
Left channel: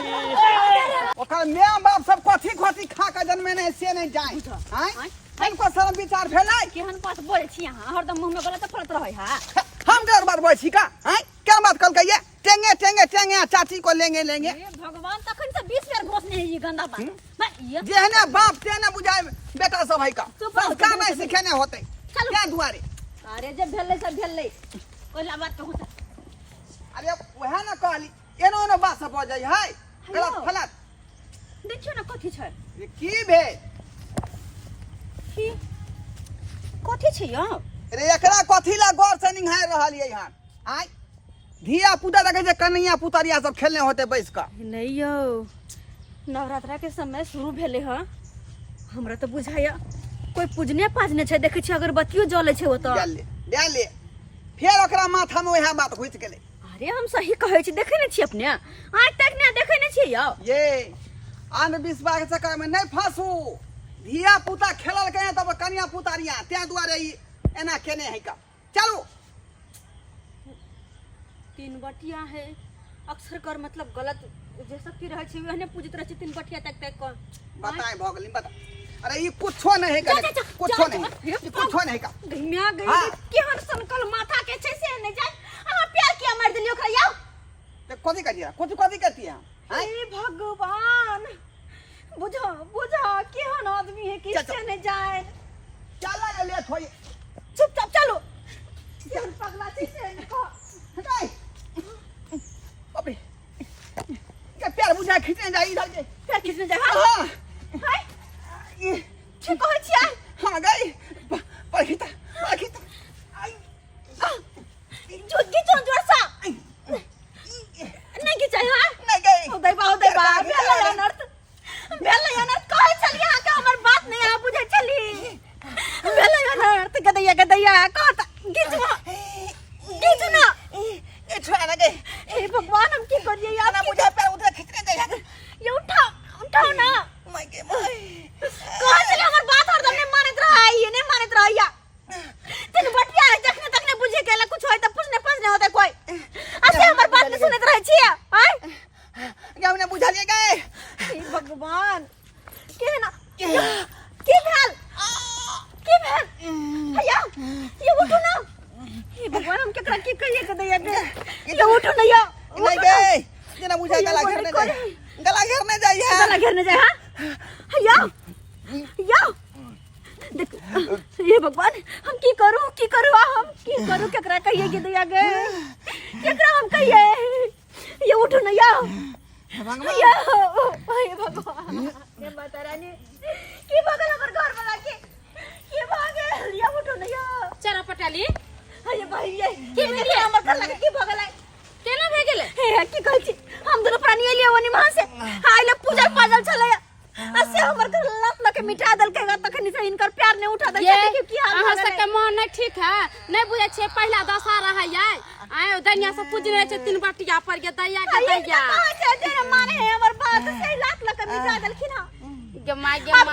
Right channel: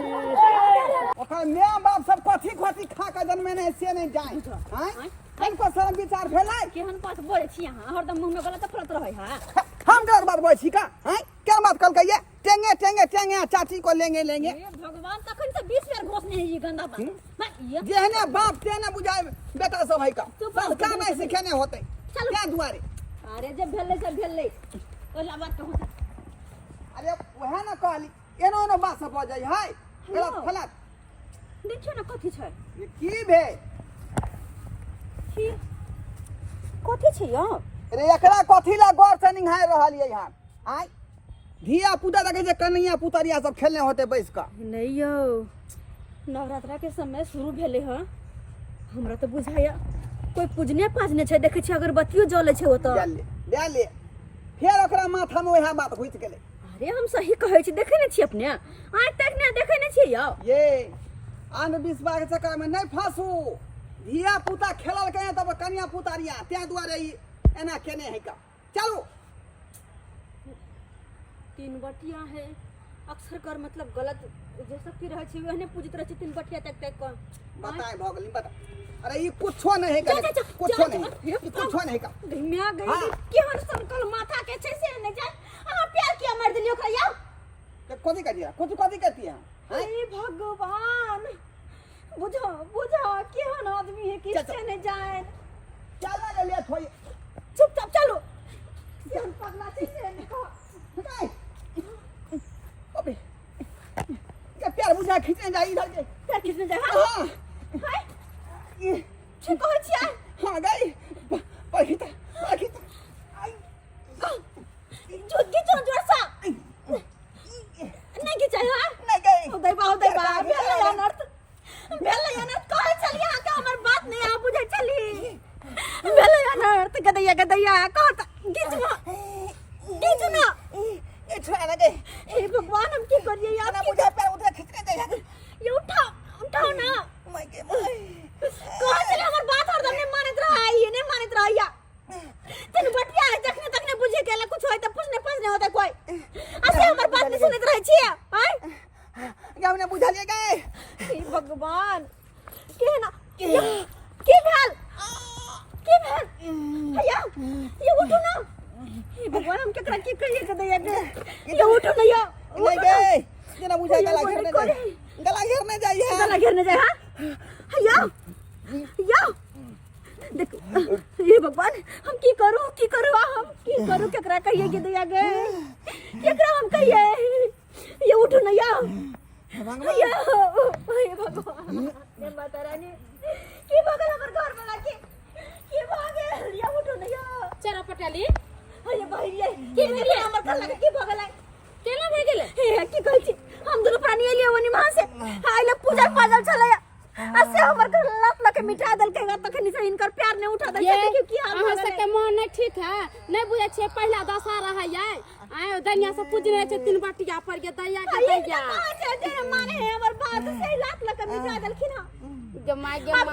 ओकर माय बाप सब कथी कथी खा के जन्मे नहीं से नहीं जाए हैं हमको शर्म विचार भेलै केहन बात बोले छी अहाँ हरदम मुंह में गलत फलत रहे हा हम डर बात बोल छी का हैं क्या बात कल कहिए टेंगे चाची को लेंगे हे भगवान तखन से 20 बेर घोष नहीं ये गंदा बात मैं ये जेहने बाप तेने बुझाए बेटा सब है का चुप रहो, संस्कार नहीं सीखेने होते चलो। क्या दुआरे अरे जब भेलै सब भेलै कोई बात कहू त अरे वह ना कहली एनो एनो बात सब हो जाय है गलत फलत देखियो ना कथी छै ये की भे की कथी छै यो रे एकरा कथी ला गौर से निहार रहल ये यहाँ आय धिया पुता देखे छै कन्हैया पुतरिया सब खेलने होते बैस का नहीं यो नवरात्रा के समय शुरू भेले ह हमरा तो बुझाया कोई पूजने पाजने छै देखे छी अगरबत्तियो जले छै ओत दे ले फेर ओकरा माथा में वह बात घुस गेले अरे हम सही कहै छी देखे ने छी अपने आज तक ने देखे ने छी यौ ये अंधविश्वास के चक्कर में नहीं फंसू धिया पुता खेलल के तब कन्या पुतरिया ते दुआरे ई एना केने है का चलो तीन बटिया है अक्सर कर मतलब गलत जे सब की रहे छी वहने पूजित रहे छी तीन बटिया तक तक का बताए भगली बता अरे ये कुछो नहीं है का कुछो नहीं ये कुछो नहीं का घिमिया गई केहन संकल माथा के छै से नहीं जाय अहाँ प्यार किया मार दिलियो ओकरा यौ ते कथि करिया कथि करती है हे भगवान बुझा बुझा केहन आदमी है कि से नहीं जाए चला ले थोई चुपचाप चलो केहन पगला छै से नहीं नहीं अबे क्या प्यार बुझा खींचने जाई इधर के प्यार किसने जाए हां हाय ये ठीक कहै छियै हां गई पखिता आई जो गिचो जोरसा नहीं गिचाई हां नहीं गई हो दई बा बेला अनर्थ कहै छली अहाँ के हमर बात नहीं आ बुझै छली बेला अनर्थ गदैया कहत गिच ना ये छोड़ा ना गई हे भगवान हम की करिए यार ना बुझा पैर उधर खींचने जाई ये उठाओ ना मैं के मैं कहां से हमर बात हरदम ने मानत रहा ये नहीं मानत रहा या तने बटिया है जखने तक ने बुझे गेला कुछ होय त पूछने होते कोई ऐसे हमर बात नहीं सुनत रहे छी हाय क्या हमने बुझा लिए गए हे भगवान के ना की भेल भैया ये उठो ना हे भगवान हम केकरा की कहिए के दैया के ये उठो ना या नहीं गए जना बुझा गला घेरने जाई गला घेरने जाए हां या देख ये भगवान हम की करूं हम की करूं केकरा कहिए के दैया के केकरा हम कहिए ये उठो ना या या हे भगवान हे माता रानी की भगल हमर घर वाला के भागे या उठो ना या चरा पटाली ये भाई ये की मेरे हमर घर लगे की भगल है केना भे गेले हे की कहै छी हम दोनों प्राणी एलिए वनी वहां से आइले पूजा पाजल छलैया असे हमर घर लात लके मिटा देल के तखनी से इनकर प्यार ने उठा दे देखियो की हाल अहाँ सबके मन नहीं ठीक है नहीं बुझे छे पहला दशहरा है ये आयो दनिया से पूजने छे तीन बटिया पर के दैया जे माने हमर बात से लात लके मिटा देलखिन हां गे माय अब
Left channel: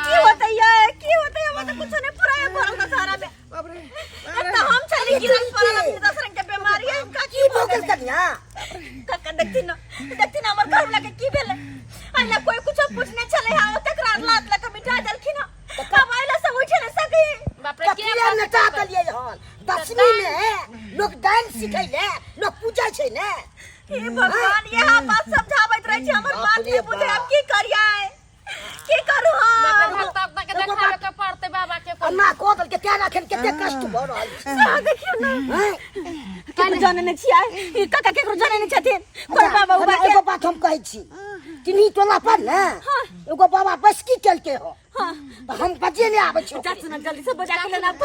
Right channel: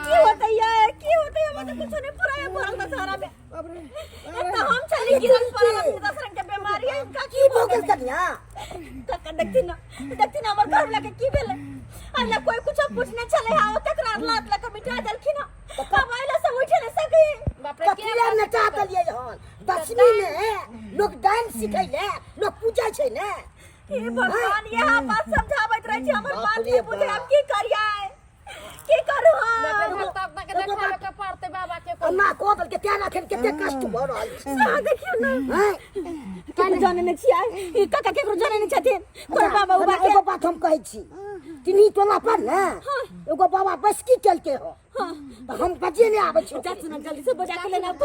की होतै हम तो कुछ नहीं पूरा ये भरल दशहरा में बाप रे तो हम चली गिरल पड़ल अपनी दशहरा के बीमारी है का की भोगल कन्या काका देखती ना हमर घर लगे की भेले आइला कोई कुछ पूछने चले हा तकरार लात लके मिटा देलखिन हां कब आइला से उठे न सके बाप रे कथिया नचा तलिए हन दशमी में लोग डांस सिखैले लोग पूजा छै ने हे भगवान यहां बात समझावत रहे छी हमर बात नहीं बुझे हम की करियै की करू हम तब तक देखावे के पड़ते बाबा के अन्ना कोदल के त्याना खेल केते कष्ट भ रहल छै हां देखियो ना केकरो जाने नहीं छियै ई काका केकरो जाने नहीं छथिन कोई बाबा उबा एगो बात हम कहै छी तिनी टोला पर ने एगो बाबा बसकी चलके हो तो हम बजे ले आबै छी जा सुन जल्दी से बजा के लेना अब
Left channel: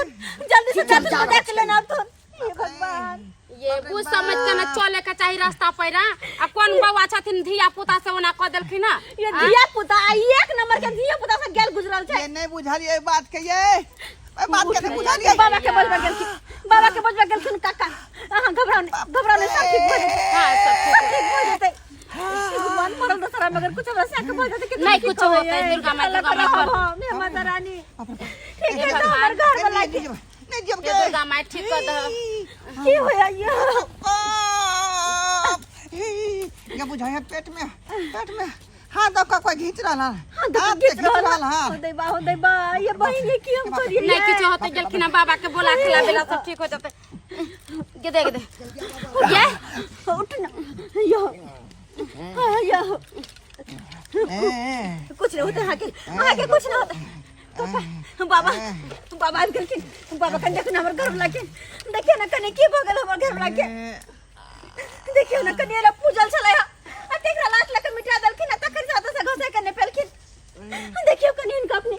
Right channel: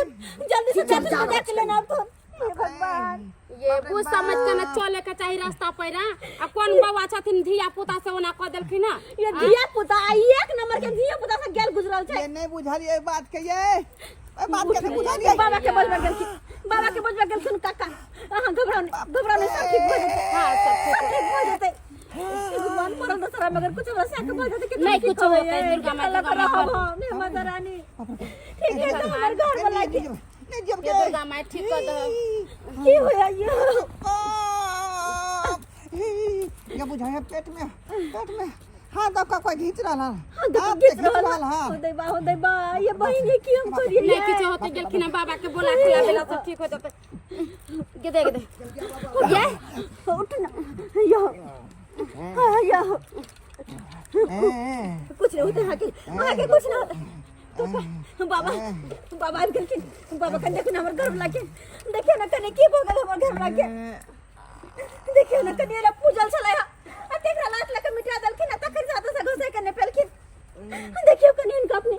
जल्दी से बजा के लेना अब हे भगवान ये बुझ समझ के न चले के चाही रास्ता पैरा आ कोन बाबा छथिन धिया पुता से ओना क देलखिन ना ये धिया पुता एक नंबर के धिया पुता से गेल गुजरल छै ये नहीं बुझालिए बात के ये बात के नहीं बुझालिए बाबा के बजबा गेलखिन काका हां घबराओ नहीं सब ठीक भ जेतै हां सब ठीक भ जेतै भगवान परल दशहरा मगर कुछ वैसा के बोल देते कि नहीं कुछ होता है दुर्गा माता माता रानी ठीक है तो हमारे घर वाला के नहीं जब ये दुर्गा माई ठीक कर दो की होया ये ये बुझाया पेट में हां दो का कोई खींच रहा हां खींच रहा हो दे बा ये बहन ये की हम करिए नहीं कुछ होते गेलखिन बाबा के बोला खिला बेला सब ठीक हो जाते गे दे ये उठ ना यो कुछ नहीं होता आगे कुछ नहीं होता बाबा बाबा कन देखो ना हमर घर लाके देखिए ना कने की भगल हमर घर लाके देखियो ना कने रा पूजल छले आ तेकरा लात लके मिटा देलखिन तकर ज्यादा से घसे कने पेलखिन देखियो कने इनका अपने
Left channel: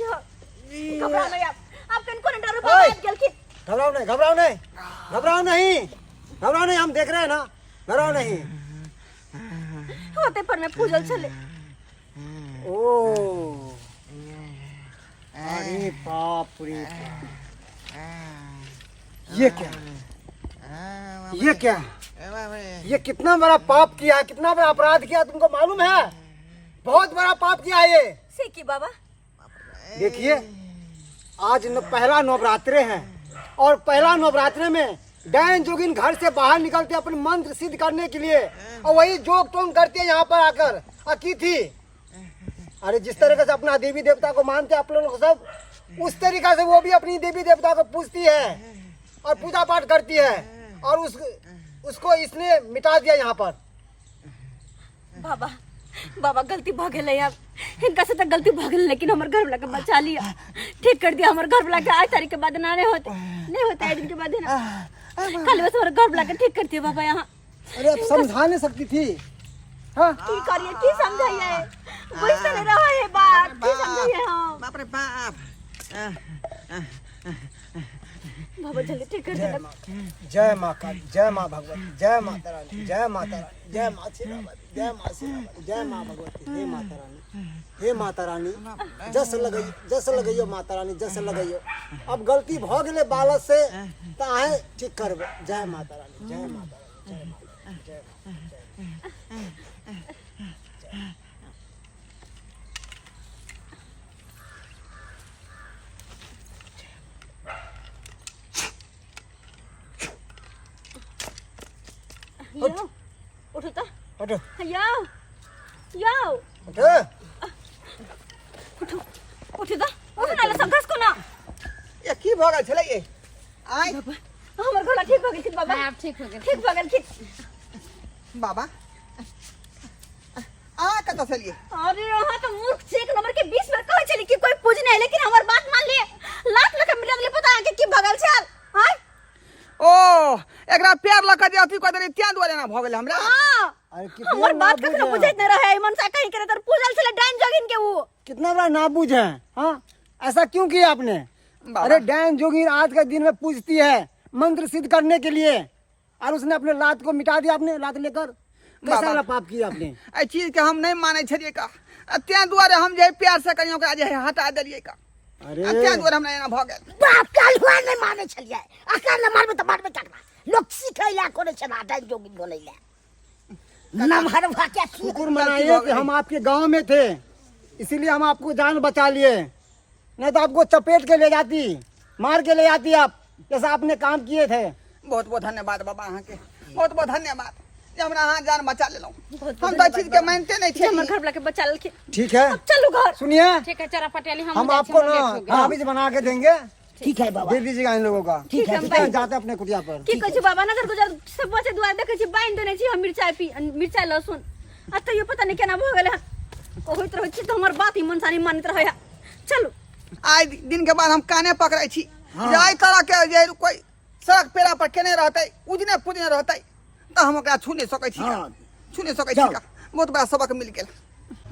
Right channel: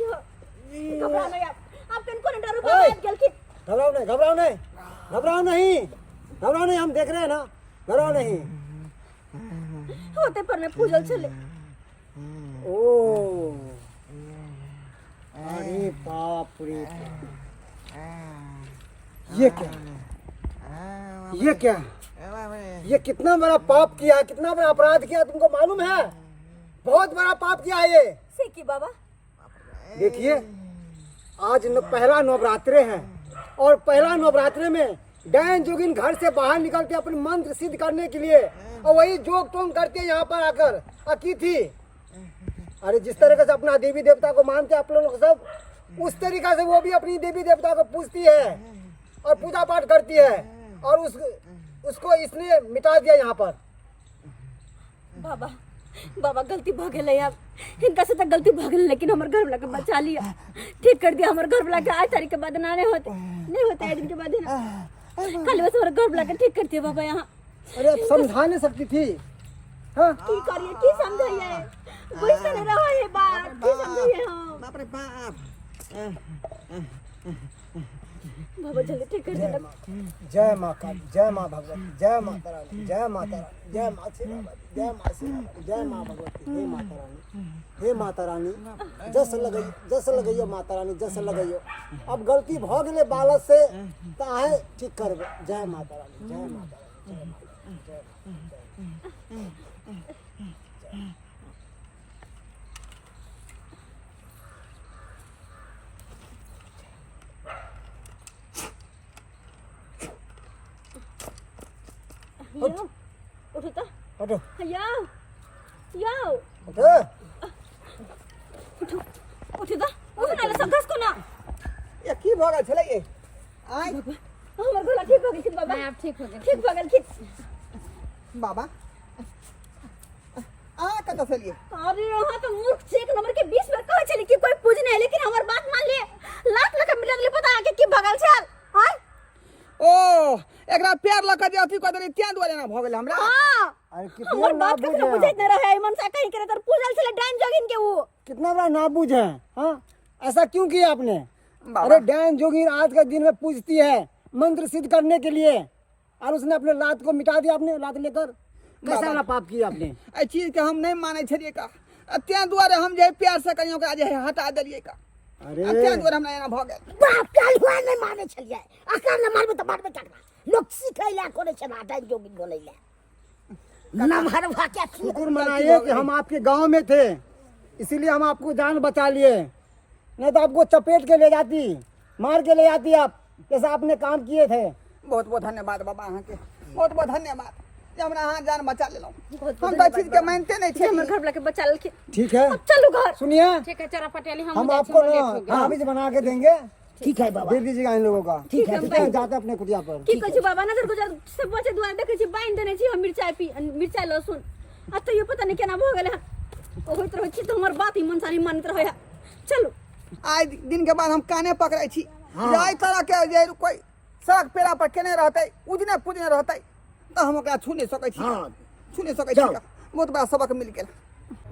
यो घबरा नहीं आप घबराओ नहीं, घबराओ नहीं, घबराओ नहीं, घबराओ नहीं, हम देख रहे हैं ना, घबराओ नहीं। होते पर मैं पूजल चले। ओ अरे बाप रे बाप, ये क्या, ये क्या, ये कितना बड़ा पाप किया, कितना बड़ा अपराध किया, तुमको मालूम है? बहुत बड़ा पाप किया है ये। सीखी बाबा। देखिए आज पहला नवरात्रे है और पहला नवरात्रे में डायन जोगिन घर से बाहर निकलते अपने मंत्र सिद्ध करने के लिए और वही जोग टोंग करते यहाँ पर आकर की थी। अरे जिस तरीके से अपना देवी देवता को मानते आप लोग सब, उस तरीके से वो भी अपनी देवी देवता को पूजती है और पूजा पाठ करती है और उसको इसने मिटा दिया यहाँ पर। बाबा बाबा गलती भ गेलै, अब इनका से तो गलती भ गेलै, लेकिन हमर घर वाला के बचा लिया, ठीक कर दिया। हमर घर वाला के आज तारीख के बाद ना नहीं होते एक दिन के बाद है ना, कल बस हमर घर वाला के ठीक कर दिया बाबा यहाँ। अरे अब समझा नहीं सकती थी, हाँ की करिए, की समझाइए, बुझते नहीं रहा है बात, की समझाइए हम। बाप रे बाप। बाबा जल्दी ठीक कर देना। जय माँ काली, जय माँ भगवती, जय माता रानी, जय माता रानी, जय माँ शेरावाली, जय माँ शेरावाली, जय माँ भगवती, हे माता रानी, हे माता रानी, जस लगइयो माता रानी, जस लगइयो। अब गलती भ गेले बालक से ताहे ठीक करबे। जय माता रानी, जय माता रानी, जय उठो तो, हटो याओ याओ, हटो उठो उठो तो, उठो ना सब घस को ना। ये की भ गेल छले ये? आय हमर घोड़ा ठीक हो गेल बाबा, आप ठीक हो गए। ठीक हो गेल, ठीक। बाबा आ कत से लिए? अरे यहाँ तो मूर्ख से एक नंबर के 20 बार कहे चली कि कोई पूजने है, लेकिन हमर बात मान लिए, लाख मिला दिले, पता है कि भगल छल। हां ओ एकरा प्यार लगा दे अथी कर दे, त्या दुआरे ना भ गेल हमरा। हां अरे हमर बात कखनो बुझैत न रहे, मन सा कहीं करे तर पूजल छले डाइन जोगिन के वो। कितना बड़ा नाबूझ है, हाँ ऐसा क्यों किया आपने? अरे डायन जोगिन आज के दिन में पूजती है मंत्र सिद्ध करने के लिए और उसने अपने लात को मिटा दिया, अपने लात लेकर। कैसा वाला पाप किया आपने? ए चीज के हम नहीं माने छलिए का, त्या दुआरे हम जे प्यार से कहियो का जे हटा देलिए का। अरे त्या दुआरे हमरा एना भ गेल। बाप काल हुआ नहीं माने छलिए, अकल न मारबे त मारबे तकना लोग सिखैला कोने छना डाइन जोगिन बोलैला नमहर भाके। शुक्र मनाइए कि हम आपके गांव में थे, इसीलिए हम आपको जान बचा लिए, नहीं तो आपको चपेट के ले जाती, मार के ले जाती आप, जैसा आपने काम किए थे। बहुत बहुत धन्यवाद बाबा अहाँ के, बहुत बहुत धन्यवाद जे हमरा अहाँ जान बचा लेलौ। हम तो चीज के मानते नहीं थे। हमर घर वाला के बचा लेलखिन। ठीक है अब चलो घर। सुनिए, ठीक है चरा पटेली, हम आपको ना ताबीज बना के देंगे, ठीक है बाबा, दे दीजिएगा इन लोगों का। ठीक है, ठीक है, जाते अपने कुटिया पर। की कहै छी बाबा, नजर गुजर सब बचे दुआर देखै छी बाइन देने छी हम मिर्चाई लहसुन, आ तो ये पता नहीं केना भ गेलै हन। ओ होइत रहै छी तो हमर बात ही मन सानी मानित रहै है। चलो आज दिन के बाद हम काने पकड़ै छी, जाय तरह के जे कोई सड़क पेड़ा पर केने रहतै, उजने पुजने रहतै त हम ओकरा छू नहीं सकै छी, छू नहीं सकै छी का। बहुत बड़ा सबक मिल गेल।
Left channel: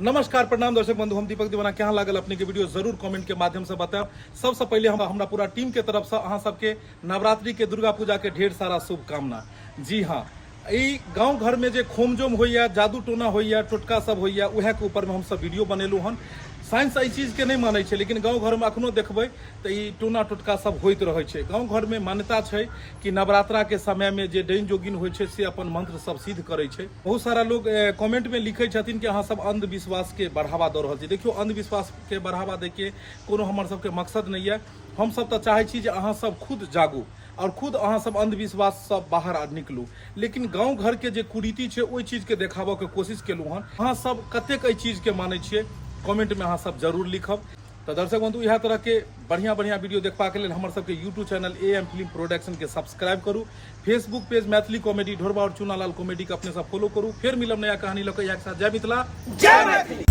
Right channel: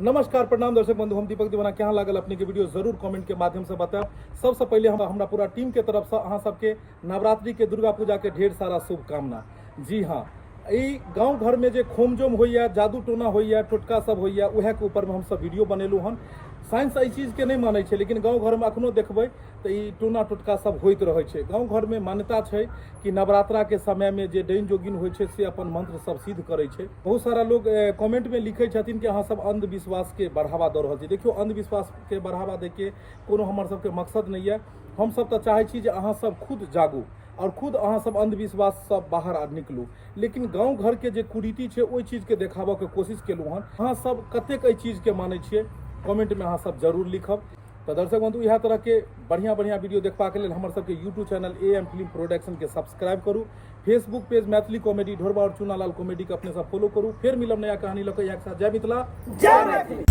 नमस्कार प्रणाम दर्शक बंधु, हम दीपक दीवाना। क्या लागल अपने के वीडियो जरूर कमेंट के माध्यम से बताएं। सबसे पहले हम हमरा पूरा टीम के तरफ से अहाँ सबके नवरात्रि के दुर्गा पूजा के ढेर सारा शुभकामना। जी हाँ, ई गांव घर में जे खोमजोम होइया, जादू टोना होइया, टोटका सब होइया, उहे के ऊपर में हम सब वीडियो बनेलू हन। साइंस एहि चीज के नहीं मानै छै, लेकिन गांव घर में अखनो देखबै तो ई टोना टोटका सब होइत रहै छै। गांव घर में मान्यता छै कि नवरात्रा के समय में जे डाइन जोगिन होइ छै से अपन मंत्र सब सिद्ध करै छै। बहुत सारा लोग कमेंट में लिखै छथिन कि अहाँ सब अंधविश्वास के बढ़ावा दऽ रहल छी। देखियो, अंधविश्वास के बढ़ावा दै के कोनो हमर सबके मकसद नहीं है। हम सब तो चाहै छी जे अहाँ सब खुद जागू और खुद अहाँ सब अंधविश्वास सब बाहर निकलू, लेकिन गांव घर के जे कुरीति छै ओहि चीज के देखाबऽ के कोशिश केलू हन। अहाँ सब कतेक एहि चीज के मानै छियै, कमेंट में अहाँ सब जरूर लिखब। तो दर्शक बंधु, इएह तरह के बढ़िया बढ़िया वीडियो देखबा के लेल हमर सबके YouTube channel AM film production के सब्सक्राइब करू। फेसबुक पेज मैथिली कॉमेडी ढोरबा और चुनालाल कॉमेडी के अपने सब फॉलो करू। फिर मिलब नया कहानी लऽ कऽ। एक साथ जय मिथिला, जय मैथिली।